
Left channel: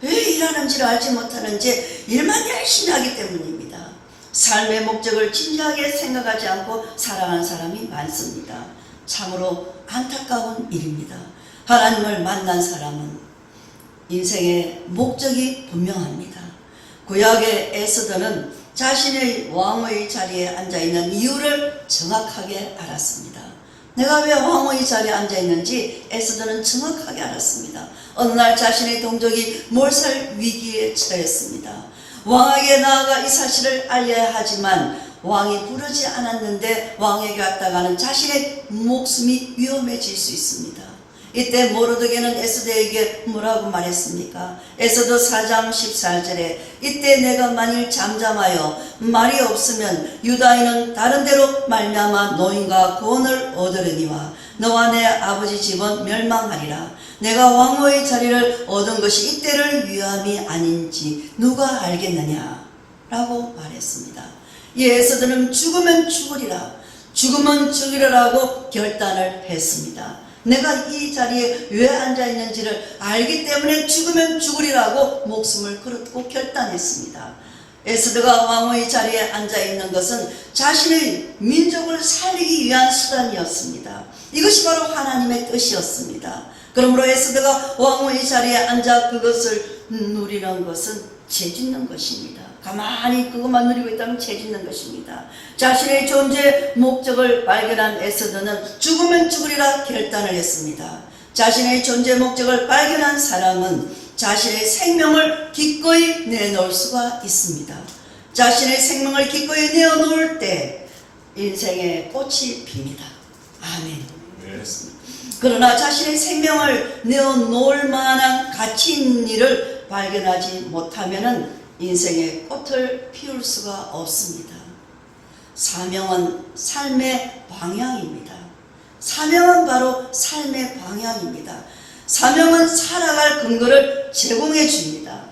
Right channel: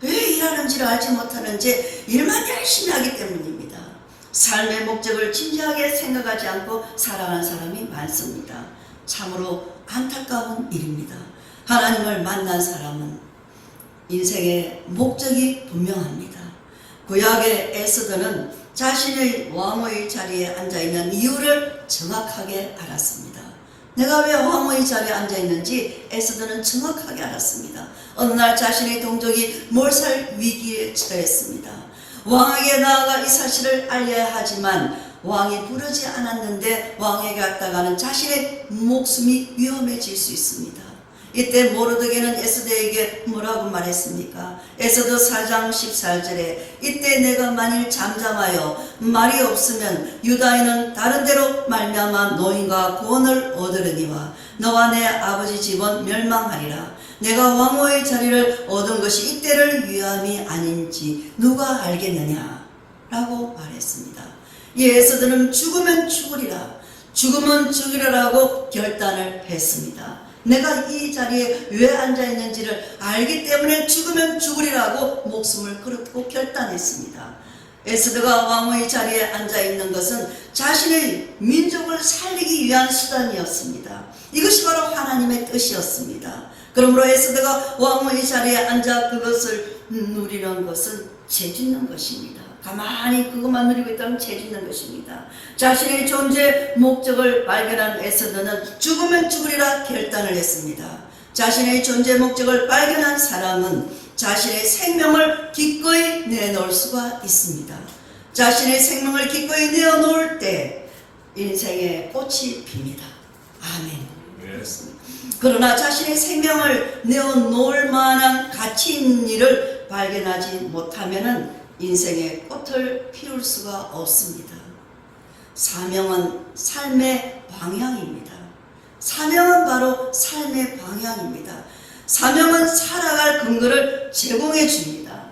왜 일하는지를 알지 못하는지 일만 열심히 하기 때문입니다. 삶의 목적을 진지하게 생각하지 않고 살아가는 사람이 많습니다. 참으로 안타까운 일입니다. 하나님을 만난 사람은 인생의 목적이 분명합니다. 구약의 에스더는 자신의 왕의 자리에 앉아있는 이유를 정확하게 알았습니다. 내가 왜 왕의 자리에 앉아있는지 에스더는 정확하게 알았습니다. 어느 날 자신의 동족이 몰살 위기에 처했습니다. 왕에게 나아가 이 사실을 알려야 하지만 왕이 부르지 않았는데 왕에게 갔다가는 자신의 목숨이 위험해질 수 있습니다. 이때 모르드게는 에스더에게 뭐라고 말했습니까? 에스더 4장 14절에 이때 내가 만일 잠잠하여 말이 없으면 유다인은 다른 데로 말미암아 노임과 구원을 얻으려니와 너와 내 아버지 집은 멸망하리라. 내가 왕후의 자리를 얻은 것이 이때를 위함이 아닌지 누가 알겠느냐? 라고 말했습니다. 이 에스더는 죽으면 죽으리라, 죽으면 죽으리라고 결단을 했습니다. 내가 이 자리에 왜 앉아있는지를 알기 때문에 죽으면 죽으리라고 목숨을 걸고 결단했습니다. 에스더가 왕의 자리에 앉아있는 것은 자신의 민족을 살리기 위한 수단이었습니다. 이것이 바로 하나님의 뜻이었습니다. 그러므로 에스더가 왕의 자리에 앉아 그것을 누리는 것은 죄짓는 것입니다. 가만히 그것만 누리고 있다면 죄짓는 것입니다. 자신의 존재 목적을 발견한 에스더는 죽으면 죽으리라 결단을 했습니다. 자신의 존재 목적을 발견한 사람은 자신의 생명을 기꺼이 내놓을 수가 있습니다. 자신의 생명을 기꺼이 내어놓을 때 인생의 꽃이 핍니다. 아멘. 그렇습니다. 그러나 자신의 생명을 내어놓을 만한 가치 있는 일을 발견하지 못하면은 인생의 꽃을 피울 수가 없습니다. 사명은 삶의 방향입니다. 사명은 바로 삶의 방향입니다. 사명은 살아갈 근거를 제공해 줍니다.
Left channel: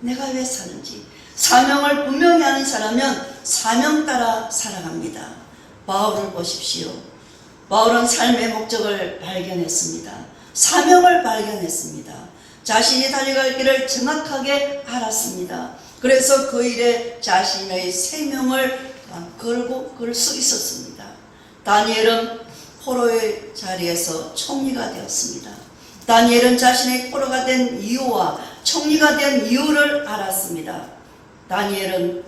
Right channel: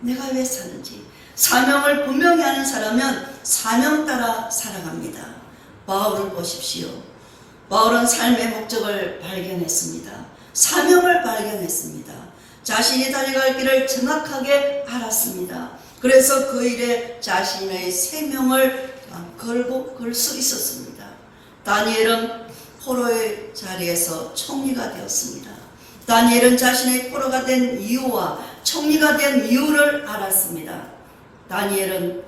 내가 왜 사는지 사명을 분명히 하는 사람은 사명 따라 살아갑니다. 바울을 보십시오. 바울은 삶의 목적을 발견했습니다. 사명을 발견했습니다. 자신이 달려갈 길을 정확하게 알았습니다. 그래서 그 일에 자신의 생명을 걸 수 있었습니다. 다니엘은 포로의 자리에서 총리가 되었습니다. 다니엘은 자신의 포로가 된 이유와 총리가 된 이유를 알았습니다. 다니엘은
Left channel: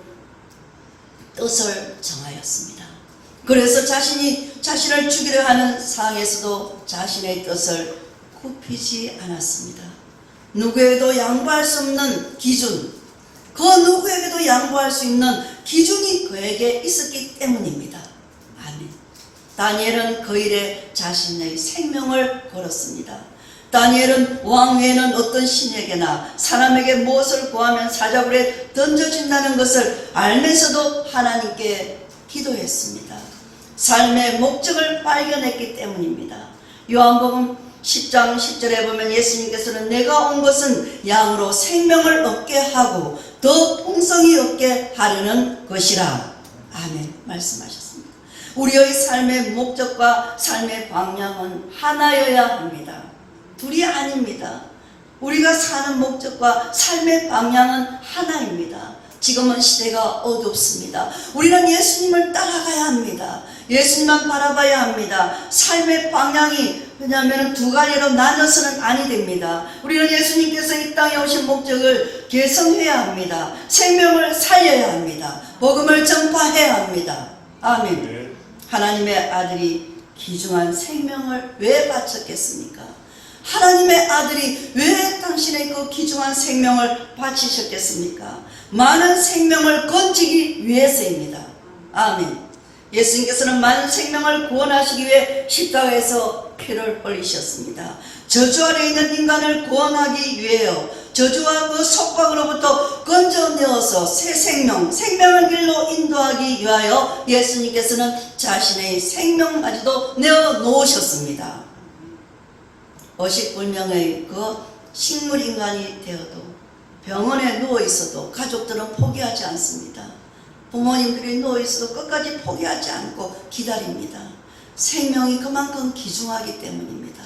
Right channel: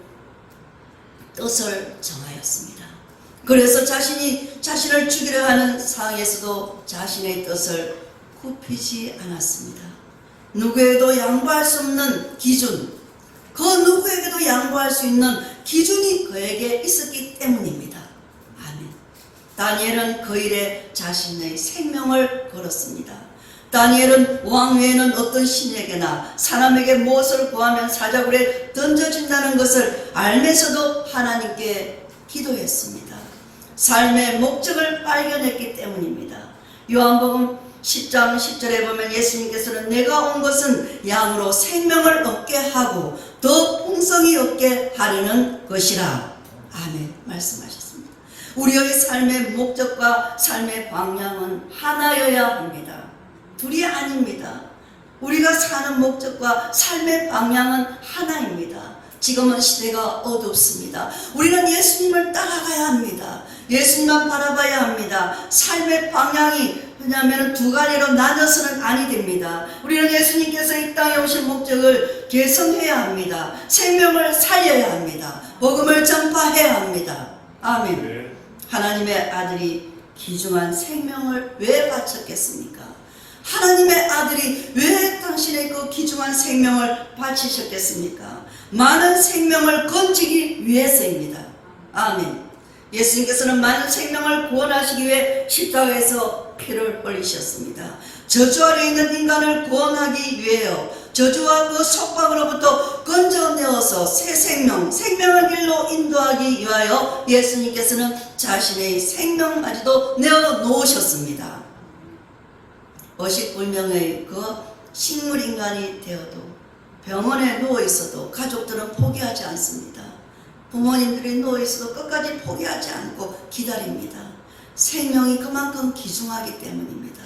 뜻을 정하였습니다. 그래서 자신을 죽이려 하는 상황에서도 자신의 뜻을 굽히지 않았습니다. 누구에도 양보할 수 없는 기준, 그 누구에게도 양보할 수 있는 기준이 그에게 있었기 때문입니다. 아멘. 다니엘은 그 일에 자신의 생명을 걸었습니다. 다니엘은 왕 외에는 어떤 신에게나 사람에게 무엇을 구하면 사자굴에 던져진다는 것을 알면서도 하나님께 기도했습니다. 삶의 목적을 발견했기 때문입니다. 요한복음 10장 10절에 보면 예수님께서는 내가 온 것은 양으로 생명을 얻게 하고 더 풍성히 얻게 하려는 것이라. 아멘. 말씀하셨습니다. 우리의 삶의 목적과 삶의 방향은 하나여야 합니다. 둘이 아닙니다. 우리가 사는 목적과 삶의 방향은 하나입니다. 지금은 시대가 어둡습니다. 우리는 예수님을 따라가야 합니다. 예수님만 바라봐야 합니다. 삶의 방향이 왜냐하면 두 가지로 나눠서는 아니 됩니다. 우리는 예수님께서 이 땅에 오신 목적을 개선해야 합니다. 생명을 살려야 합니다. 복음을 전파해야 합니다. 아멘. 네. 하나님의 아들이 귀중한 생명을 왜 바쳤겠습니까? 하나님의 아들이 왜 당신의 그 귀중한 생명을 바치셨겠습니까? 많은 생명을 건지기 위해서입니다. 아멘. 예수님께서는 많은 생명을 구원하시기 위해 십자가에서 피를 흘리셨습니다. 저주 아래 있는 인간을 구원하기 위해요. 저주와 그 속박으로부터 건져내어서 새 생명, 생명의 길로 인도하기 위하여 예수님께서는 자신의 생명까지도 내어놓으셨습니다. 50불명의 그 식물인간이 되어도 병원에 누워있어도 가족들은 포기하지 않습니다. 부모님들이 누워있어도 끝까지 포기하지 않고 기다립니다. 생명이 그만큼 귀중하기 때문입니다.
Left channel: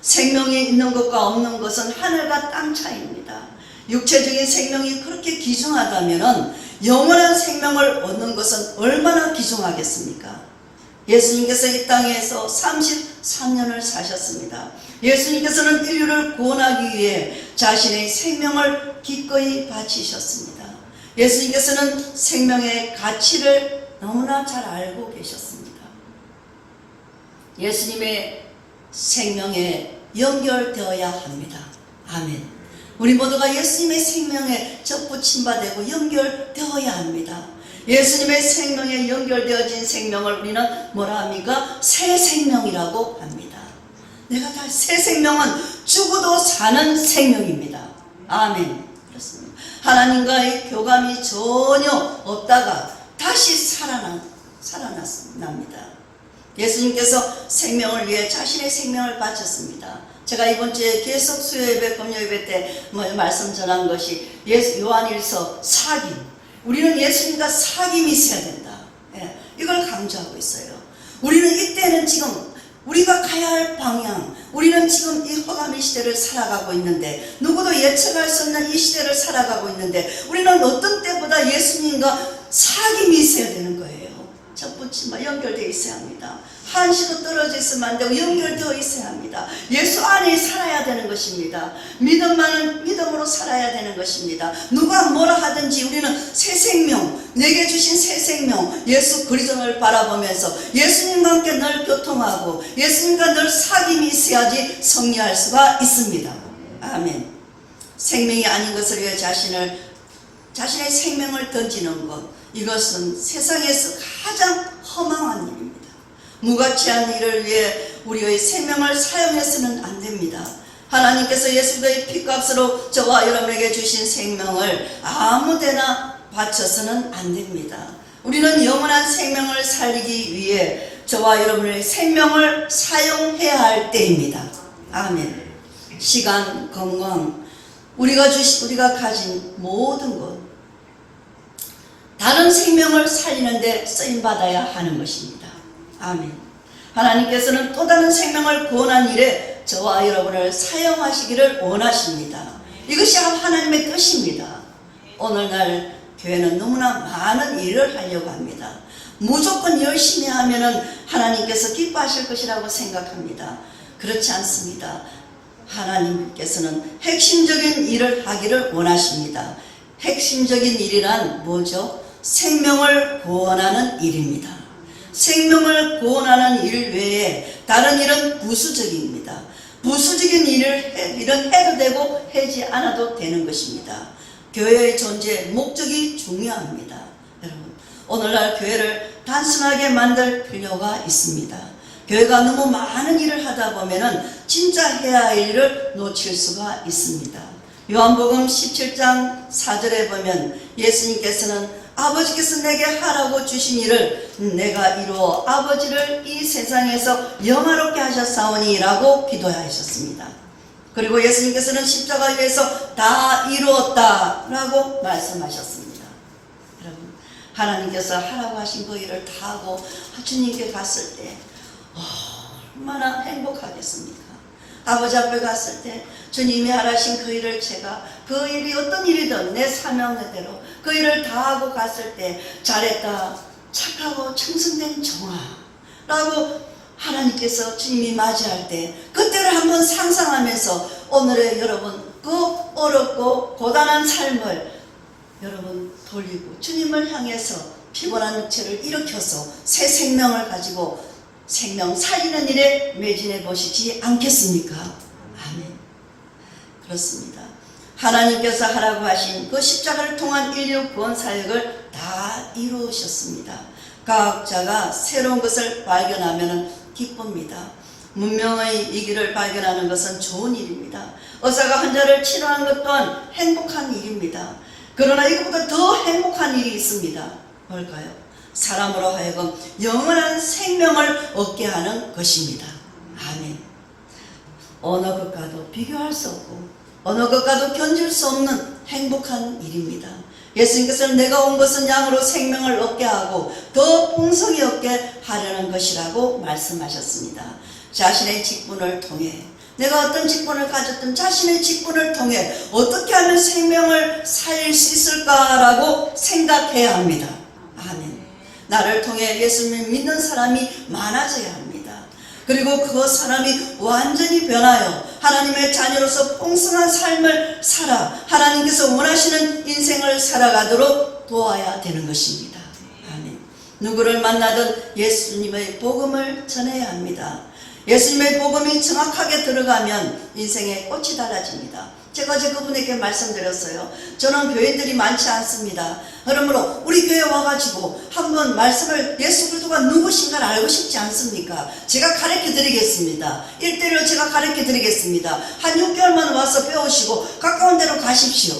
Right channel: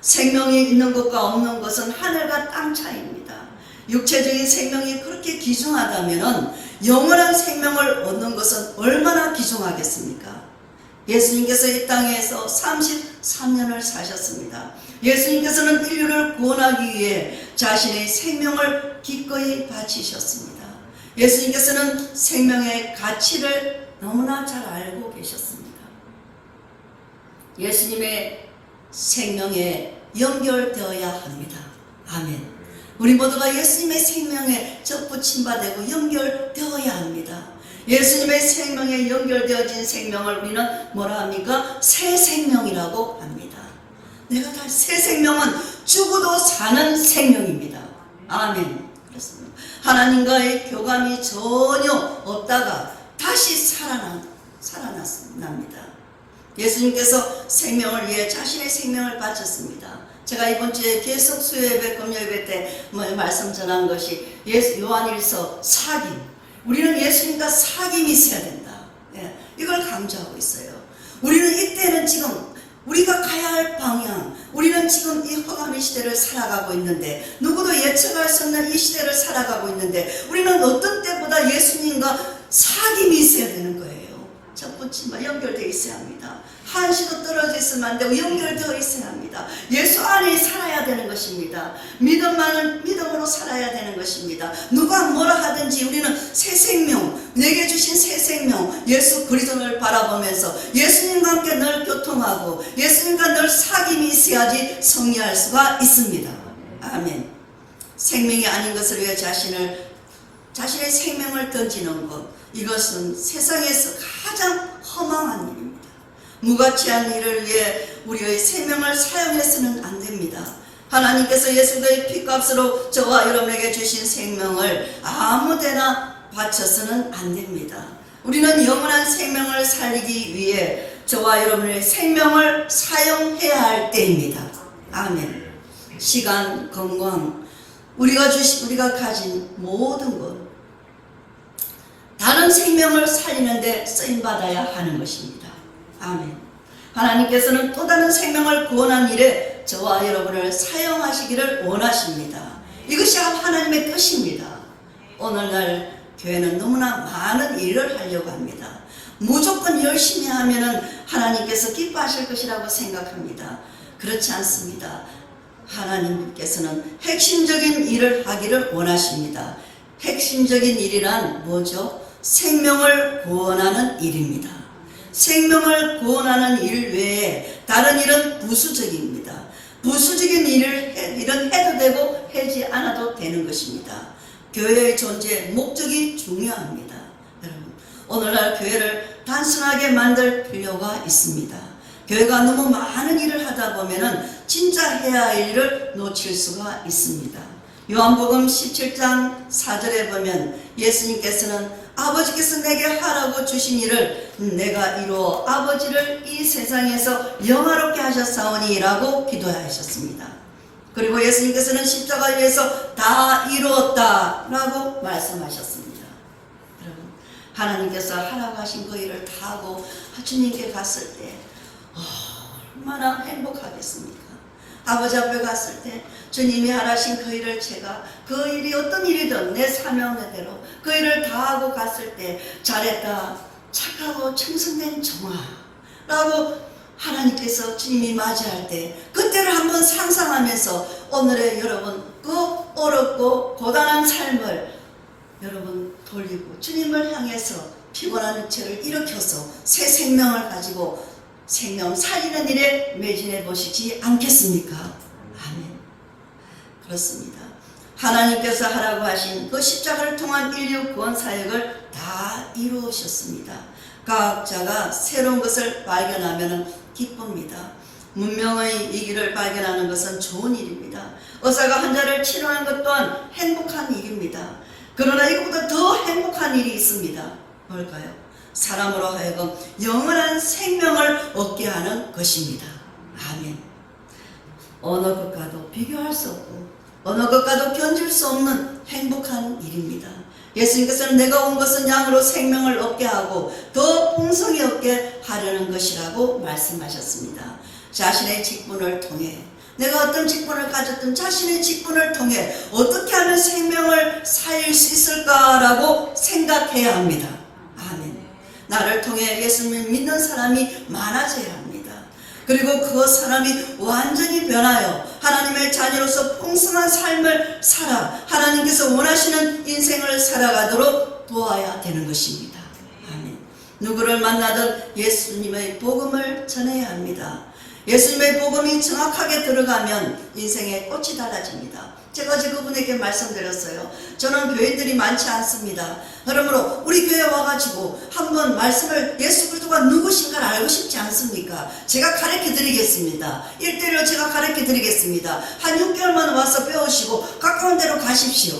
생명이 있는 것과 없는 것은 하늘과 땅 차이입니다. 육체적인 생명이 그렇게 귀중하다면 영원한 생명을 얻는 것은 얼마나 귀중하겠습니까? 예수님께서 이 땅에서 33년을 사셨습니다. 예수님께서는 인류를 구원하기 위해 자신의 생명을 기꺼이 바치셨습니다. 예수님께서는 생명의 가치를 너무나 잘 알고 계셨습니다. 예수님의 생명에 연결되어야 합니다. 아멘. 우리 모두가 예수님의 생명에 접붙임 되고 연결되어야 합니다. 예수님의 생명에 연결되어진 생명을 우리는 뭐라 합니까? 새 생명이라고 합니다. 내가 다 새 생명은 죽어도 사는 생명입니다. 아멘. 그렇습니다. 하나님과의 교감이 전혀 없다가 다시 살아납니다. 예수님께서 생명을 위해 자신의 생명을 바쳤습니다. 제가 이번 주에 계속 수요예배, 금요예배 때 말씀 전한 것이 요한일서 사귐. 우리는 예수님과 사귐이 있어야 된다. 예, 이걸 강조하고 있어요. 우리는 이때는 지금 우리가 가야 할 방향, 우리는 지금 이 허감의 시대를 살아가고 있는데, 누구도 예측할 수 없는 이 시대를 살아가고 있는데, 우리는 어떤 때보다 예수님과 사귐이 있어야 되는 거예요. 첫 번째 연결되어 있어야 합니다. 한시도 떨어져 있으면 안 되고 연결되어 있어야 합니다. 예수 안에 살아야 되는 것입니다. 믿음으로 살아야 되는 것입니다. 누가 뭐라 하든지 우리는 새 생명, 내게 주신 새 생명, 예수 그리스도를 바라보면서 예수님과 함께 늘 교통하고 예수님과 늘 사귐이 있어야지 승리할 수가 있습니다. 아멘. 생명이 아닌 것을 위해 자신의 생명을 던지는 것, 이것은 세상에서 가장 허망한 일입니다. 무가치한 일을 위해 우리의 생명을 사용해서는 안 됩니다. 하나님께서 예수의 피값으로 저와 여러분에게 주신 생명을 아무데나 바쳐서는 안 됩니다. 우리는 영원한 생명을 살리기 위해 저와 여러분의 생명을 사용해야 할 때입니다. 아멘. 시간, 건강, 우리가 가진 모든 것, 다른 생명을 살리는데 쓰임받아야 하는 것입니다. 아멘. 하나님께서는 또 다른 생명을 구원한 일에 저와 여러분을 사용하시기를 원하십니다. 이것이 하나님의 뜻입니다. 오늘날 교회는 너무나 많은 일을 하려고 합니다. 무조건 열심히 하면은 하나님께서 기뻐하실 것이라고 생각합니다. 그렇지 않습니다. 하나님께서는 핵심적인 일을 하기를 원하십니다. 핵심적인 일이란 뭐죠? 생명을 구원하는 일입니다. 생명을 구원하는 일 외에 다른 일은 부수적입니다. 부수적인 일은 해도 되고 하지 않아도 되는 것입니다. 교회의 존재 목적이 중요합니다. 여러분, 오늘날 교회를 단순하게 만들 필요가 있습니다. 교회가 너무 많은 일을 하다 보면은 진짜 해야 할 일을 놓칠 수가 있습니다. 요한복음 17장 4절에 보면 예수님께서는 아버지께서 내게 하라고 주신 일을 내가 이루어 아버지를 이 세상에서 영화롭게 하셨사오니 라고 기도하셨습니다. 그리고 예수님께서는 십자가 위에서 다 이루었다 라고 말씀하셨습니다. 여러분, 하나님께서 하라고 하신 그 일을 다 하고 주님께 갔을 때 얼마나 행복하겠습니까? 아버지 앞에 갔을 때 주님이 하라신 그 일을 제가 그 일이 어떤 일이든 내 사명대로 그 일을 다 하고 갔을 때 잘했다, 착하고 청순된 정아라고 하나님께서 주님이 맞이할 때 그때를 한번 상상하면서 오늘의 여러분 그 어렵고 고단한 삶을 여러분 돌리고 주님을 향해서 피곤한 육체를 일으켜서 새 생명을 가지고 생명 살리는 일에 매진해 보시지 않겠습니까? 아멘. 그렇습니다. 하나님께서 하라고 하신 그 십자가를 통한 인류 구원 사역을 다 이루으셨습니다. 과학자가 새로운 것을 발견하면 기쁩니다. 문명의 이 길을 발견하는 것은 좋은 일입니다. 의사가 환자를 치료하는 것 또한 행복한 일입니다. 그러나 이것보다 더 행복한 일이 있습니다. 뭘까요? 사람으로 하여금 영원한 생명을 얻게 하는 것입니다. 아멘. 어느 것과도 비교할 수 없고 어느 것과도 견딜 수 없는 행복한 일입니다. 예수님께서는 내가 온 것은 양으로 생명을 얻게 하고 더 풍성히 얻게 하려는 것이라고 말씀하셨습니다. 자신의 직분을 통해 내가 어떤 직분을 가졌든 자신의 직분을 통해 어떻게 하면 생명을 살릴 수 있을까라고 생각해야 합니다. 아멘. 나를 통해 예수님을 믿는 사람이 많아져야 합니다. 그리고 그 사람이 완전히 변하여 하나님의 자녀로서 풍성한 삶을 살아 하나님께서 원하시는 인생을 살아가도록 도와야 되는 것입니다. 아멘. 누구를 만나든 예수님의 복음을 전해야 합니다. 예수님의 복음이 정확하게 들어가면 인생의 꽃이 달라집니다. 제가 어제 그분에게 말씀드렸어요. 저는 교회들이 많지 않습니다. 그러므로 우리 교회 와가지고 한번 말씀을 예수 그리스도가 누구신가를 알고 싶지 않습니까? 제가 가르쳐 드리겠습니다. 1대1로 제가 가르쳐 드리겠습니다. 한 6개월만 와서 배우시고 가까운 데로 가십시오.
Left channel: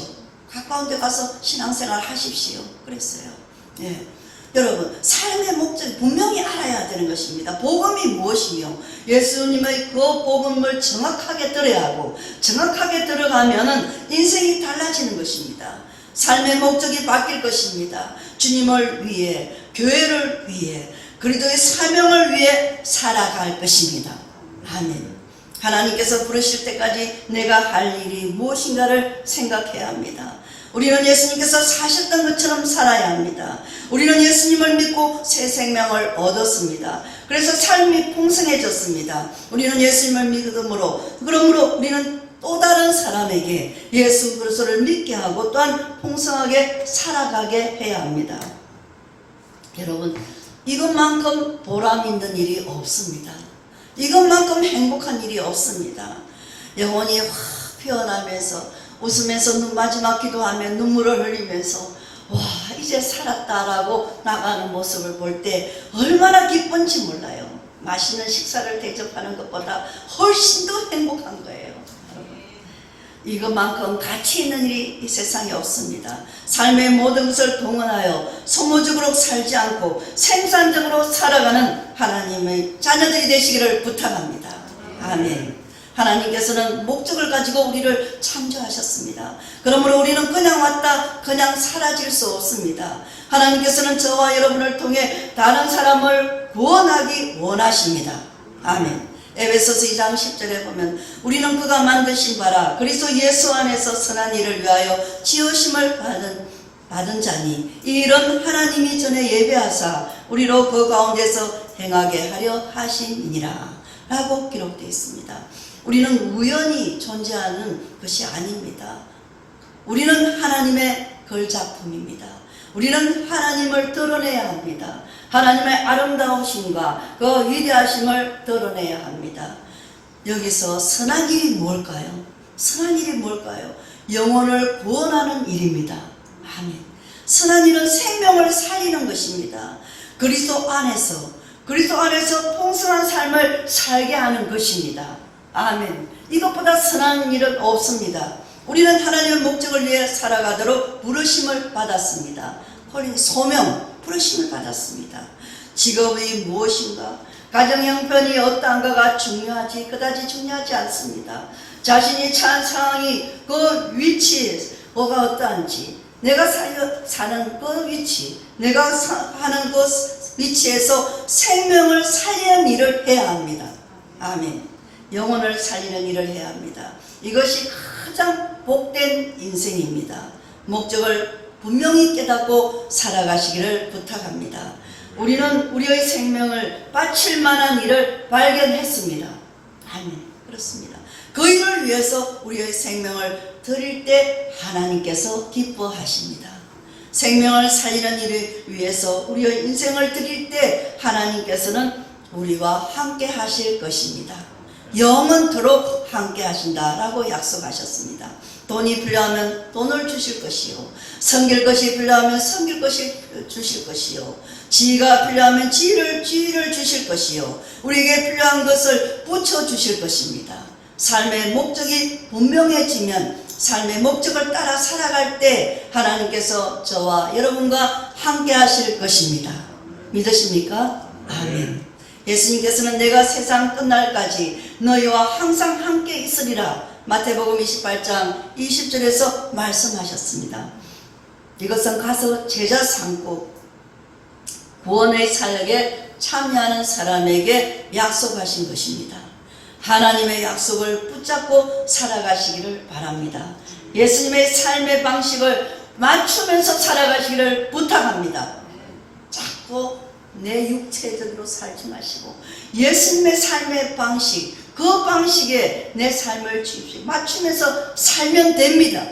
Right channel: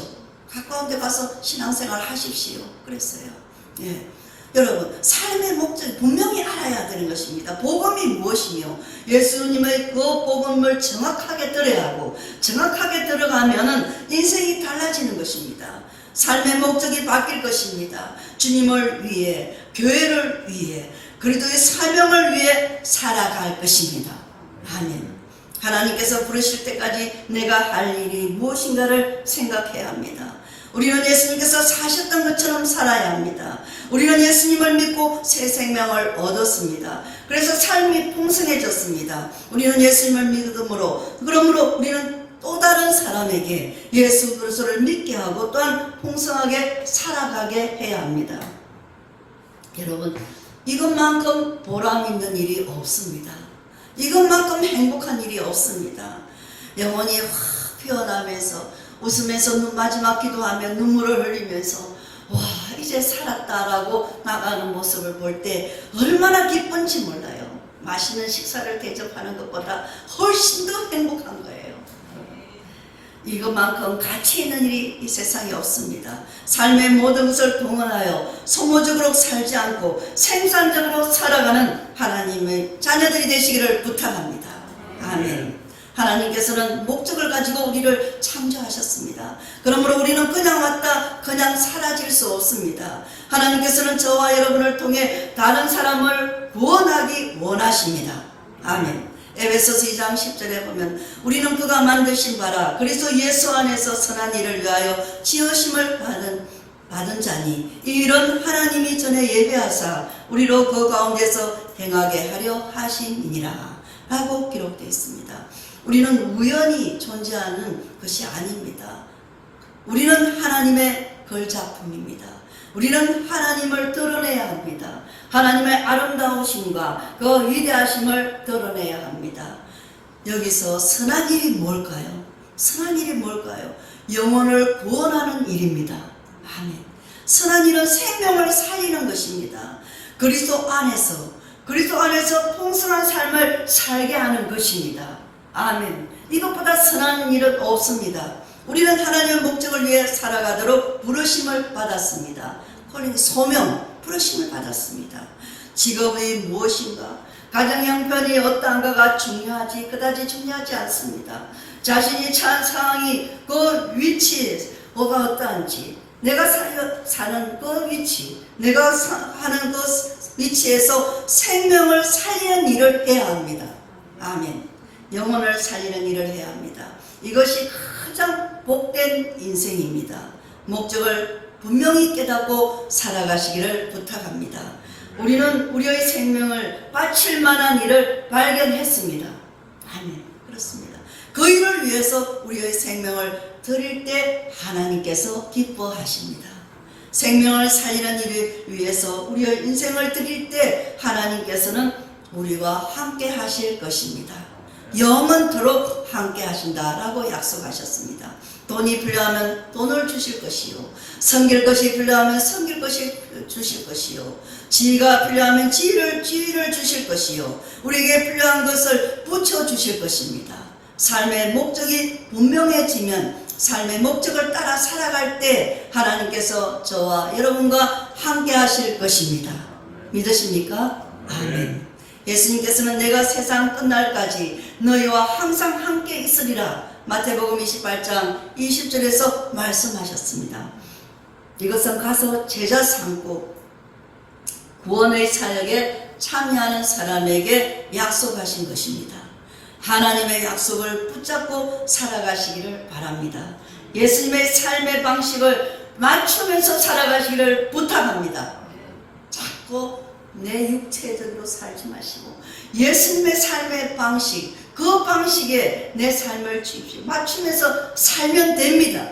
가까운 데 가서 신앙생활 하십시오. 그랬어요. 예. 여러분, 삶의 목적을 분명히 알아야 되는 것입니다. 복음이 무엇이며 예수님의 그 복음을 정확하게 들어야 하고 정확하게 들어가면 인생이 달라지는 것입니다. 삶의 목적이 바뀔 것입니다. 주님을 위해, 교회를 위해, 그리스도의 사명을 위해 살아갈 것입니다. 아멘. 하나님께서 부르실 때까지 내가 할 일이 무엇인가를 생각해야 합니다. 우리는 예수님께서 사셨던 것처럼 살아야 합니다. 우리는 예수님을 믿고 새 생명을 얻었습니다. 그래서 삶이 풍성해졌습니다. 우리는 예수님을 믿음으로, 그러므로 우리는 또 다른 사람에게 예수 그리스도를 믿게 하고 또한 풍성하게 살아가게 해야 합니다. 여러분, 이것만큼 보람 있는 일이 없습니다. 이것만큼 행복한 일이 없습니다. 영혼이 확 피어나면서 웃으면서 마지막 기도하며 눈물을 흘리면서 와 이제 살았다라고 나가는 모습을 볼 때 얼마나 기쁜지 몰라요. 맛있는 식사를 대접하는 것보다 훨씬 더 행복한 거예요. 이것만큼 가치 있는 일이 이 세상에 없습니다. 삶의 모든 것을 동원하여 소모적으로 살지 않고 생산적으로 살아가는 하나님의 자녀들이 되시기를 부탁합니다. 아멘. 하나님께서는 목적을 가지고 우리를 창조하셨습니다. 그러므로 우리는 그냥 왔다 그냥 사라질 수 없습니다. 하나님께서는 저와 여러분을 통해 다른 사람을 구원하기 원하십니다. 아멘. 에베소서 2장 10절에 보면 우리는 그가 만드신 바라 그리스도 예수 안에서 선한 일을 위하여 지으심을 받은 자니 이런 하나님이 전에 예배하사 우리로 그 가운데서 행하게 하려 하심이니라 라고 기록되어 있습니다. 우리는 우연히 존재하는 것이 아닙니다. 우리는 하나님의 걸작품입니다. 우리는 하나님을 드러내야 합니다. 하나님의 아름다우심과 그 위대하심을 드러내야 합니다. 여기서 선한 일이 뭘까요? 선한 일이 뭘까요? 영혼을 구원하는 일입니다. 아멘. 선한 일은 생명을 살리는 것입니다. 그리스도 안에서 풍성한 삶을 살게 하는 것입니다. 아멘. 이것보다 선한 일은 없습니다. 우리는 하나님의 목적을 위해 살아가도록 부르심을 받았습니다. 소명, 부르심을 받았습니다. 직업이 무엇인가? 가정 형편이 어떠한가가 중요하지 그다지 중요하지 않습니다. 자신이 처한 상황이 그 위치에 뭐가 어떠한지 내가 사는 그 위치 내가 하는 그 위치에서 생명을 살리는 일을 해야 합니다. 아멘. 영혼을 살리는 일을 해야 합니다. 이것이 가장 복된 인생입니다. 목적을 분명히 깨닫고 살아가시기를 부탁합니다. 우리는 우리의 생명을 바칠 만한 일을 일을 발견했습니다. 아멘. 그렇습니다. 그 일을 위해서 우리의 생명을 드릴 때 하나님께서 기뻐하십니다. 생명을 살리는 일을 위해서 우리의 인생을 드릴 때 하나님께서는 우리와 함께 하실 것입니다. 영원토록 함께 하신다라고 약속하셨습니다. 돈이 필요하면 돈을 주실 것이요, 섬길 것이 필요하면 섬길 것이 주실 것이요, 지혜가 필요하면 지혜를 주실 것이요, 우리에게 필요한 것을 붙여주실 것입니다. 삶의 목적이 분명해지면 삶의 목적을 따라 살아갈 때 하나님께서 저와 여러분과 함께 하실 것입니다. 믿으십니까? 아멘. 예수님께서는 내가 세상 끝날까지 너희와 항상 함께 있으리라 마태복음 28장 20절에서 말씀하셨습니다. 이것은 가서 제자 삼고 구원의 사역에 참여하는 사람에게 약속하신 것입니다. 하나님의 약속을 붙잡고 살아가시기를 바랍니다. 예수님의 삶의 방식을 맞추면서 살아가시기를 부탁합니다. 자꾸 내 육체적으로 살지 마시고 예수님의 삶의 방식, 그 방식에 내 삶을 맞추면서 살면 됩니다.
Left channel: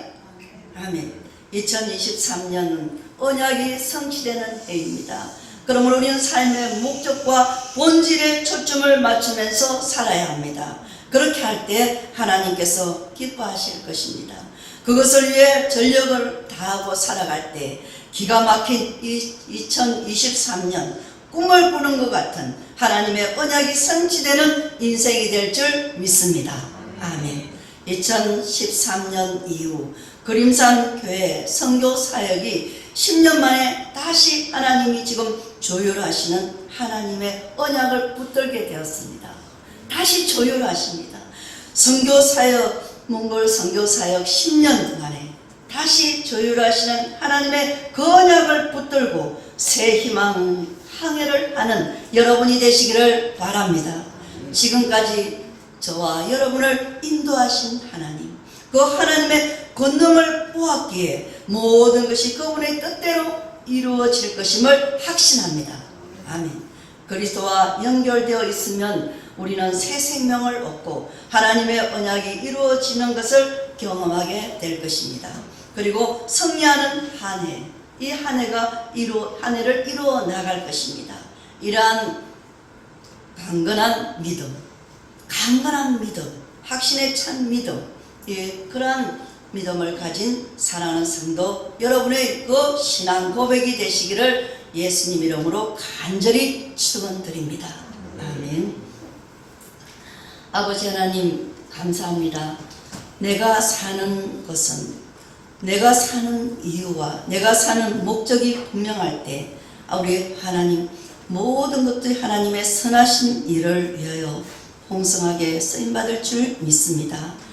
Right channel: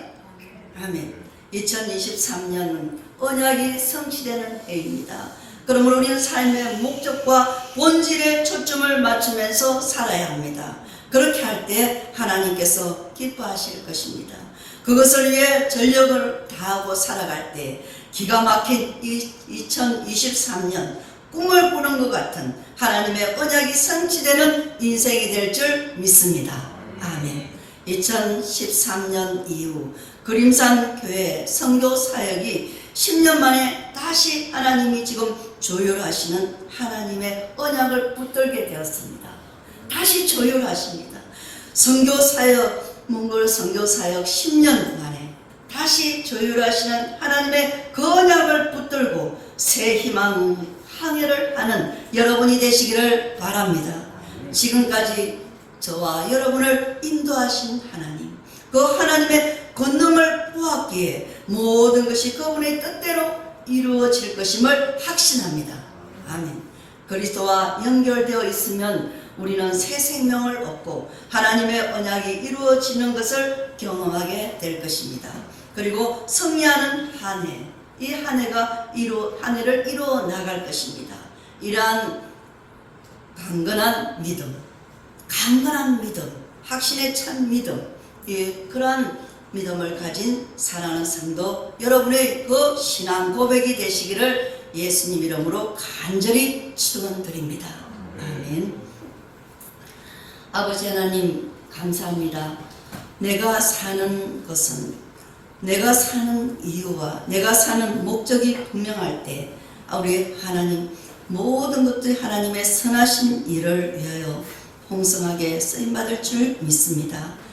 아멘. 2023년 언약이 성취되는 해입니다. 그러므로 우리는 삶의 목적과 본질에 초점을 맞추면서 살아야 합니다. 그렇게 할 때 하나님께서 기뻐하실 것입니다. 그것을 위해 전력을 다하고 살아갈 때 기가 막힌 2023년 꿈을 꾸는 것 같은 하나님의 언약이 성취되는 인생이 될 줄 믿습니다. 아멘. 2013년 이후 그림산 교회 선교 사역이 10년 만에 다시 하나님이 지금 조율하시는 하나님의 언약을 붙들게 되었습니다. 다시 조율하십니다. 선교사역, 몽골 선교사역 10년 만에 다시 조율하시는 하나님의 그 언약을 붙들고 새 희망 항해를 하는 여러분이 되시기를 바랍니다. 지금까지 저와 여러분을 인도하신 하나님, 그 하나님의 권능을 보았기에 모든 것이 그분의 뜻대로 이루어질 것임을 확신합니다. 아멘. 그리스도와 연결되어 있으면 우리는 새 생명을 얻고 하나님의 언약이 이루어지는 것을 경험하게 될 것입니다. 그리고 승리하는 한 해, 이 한 해가 한 해를 이루어 나갈 것입니다. 이러한 강건한 믿음, 확신에 찬 믿음, 그러한 믿음을 가진 사랑하는 성도 여러분의 그 신앙 고백이 되시기를 예수님 이름으로 간절히 축원드립니다. 아멘. 아버지 하나님 감사합니다. 내가 사는 것은, 내가 사는 이유와 내가 사는 목적이 분명할 때 우리 하나님 모든 것들이 하나님의 선하신 일을 위하여 풍성하게 쓰임받을 줄 믿습니다.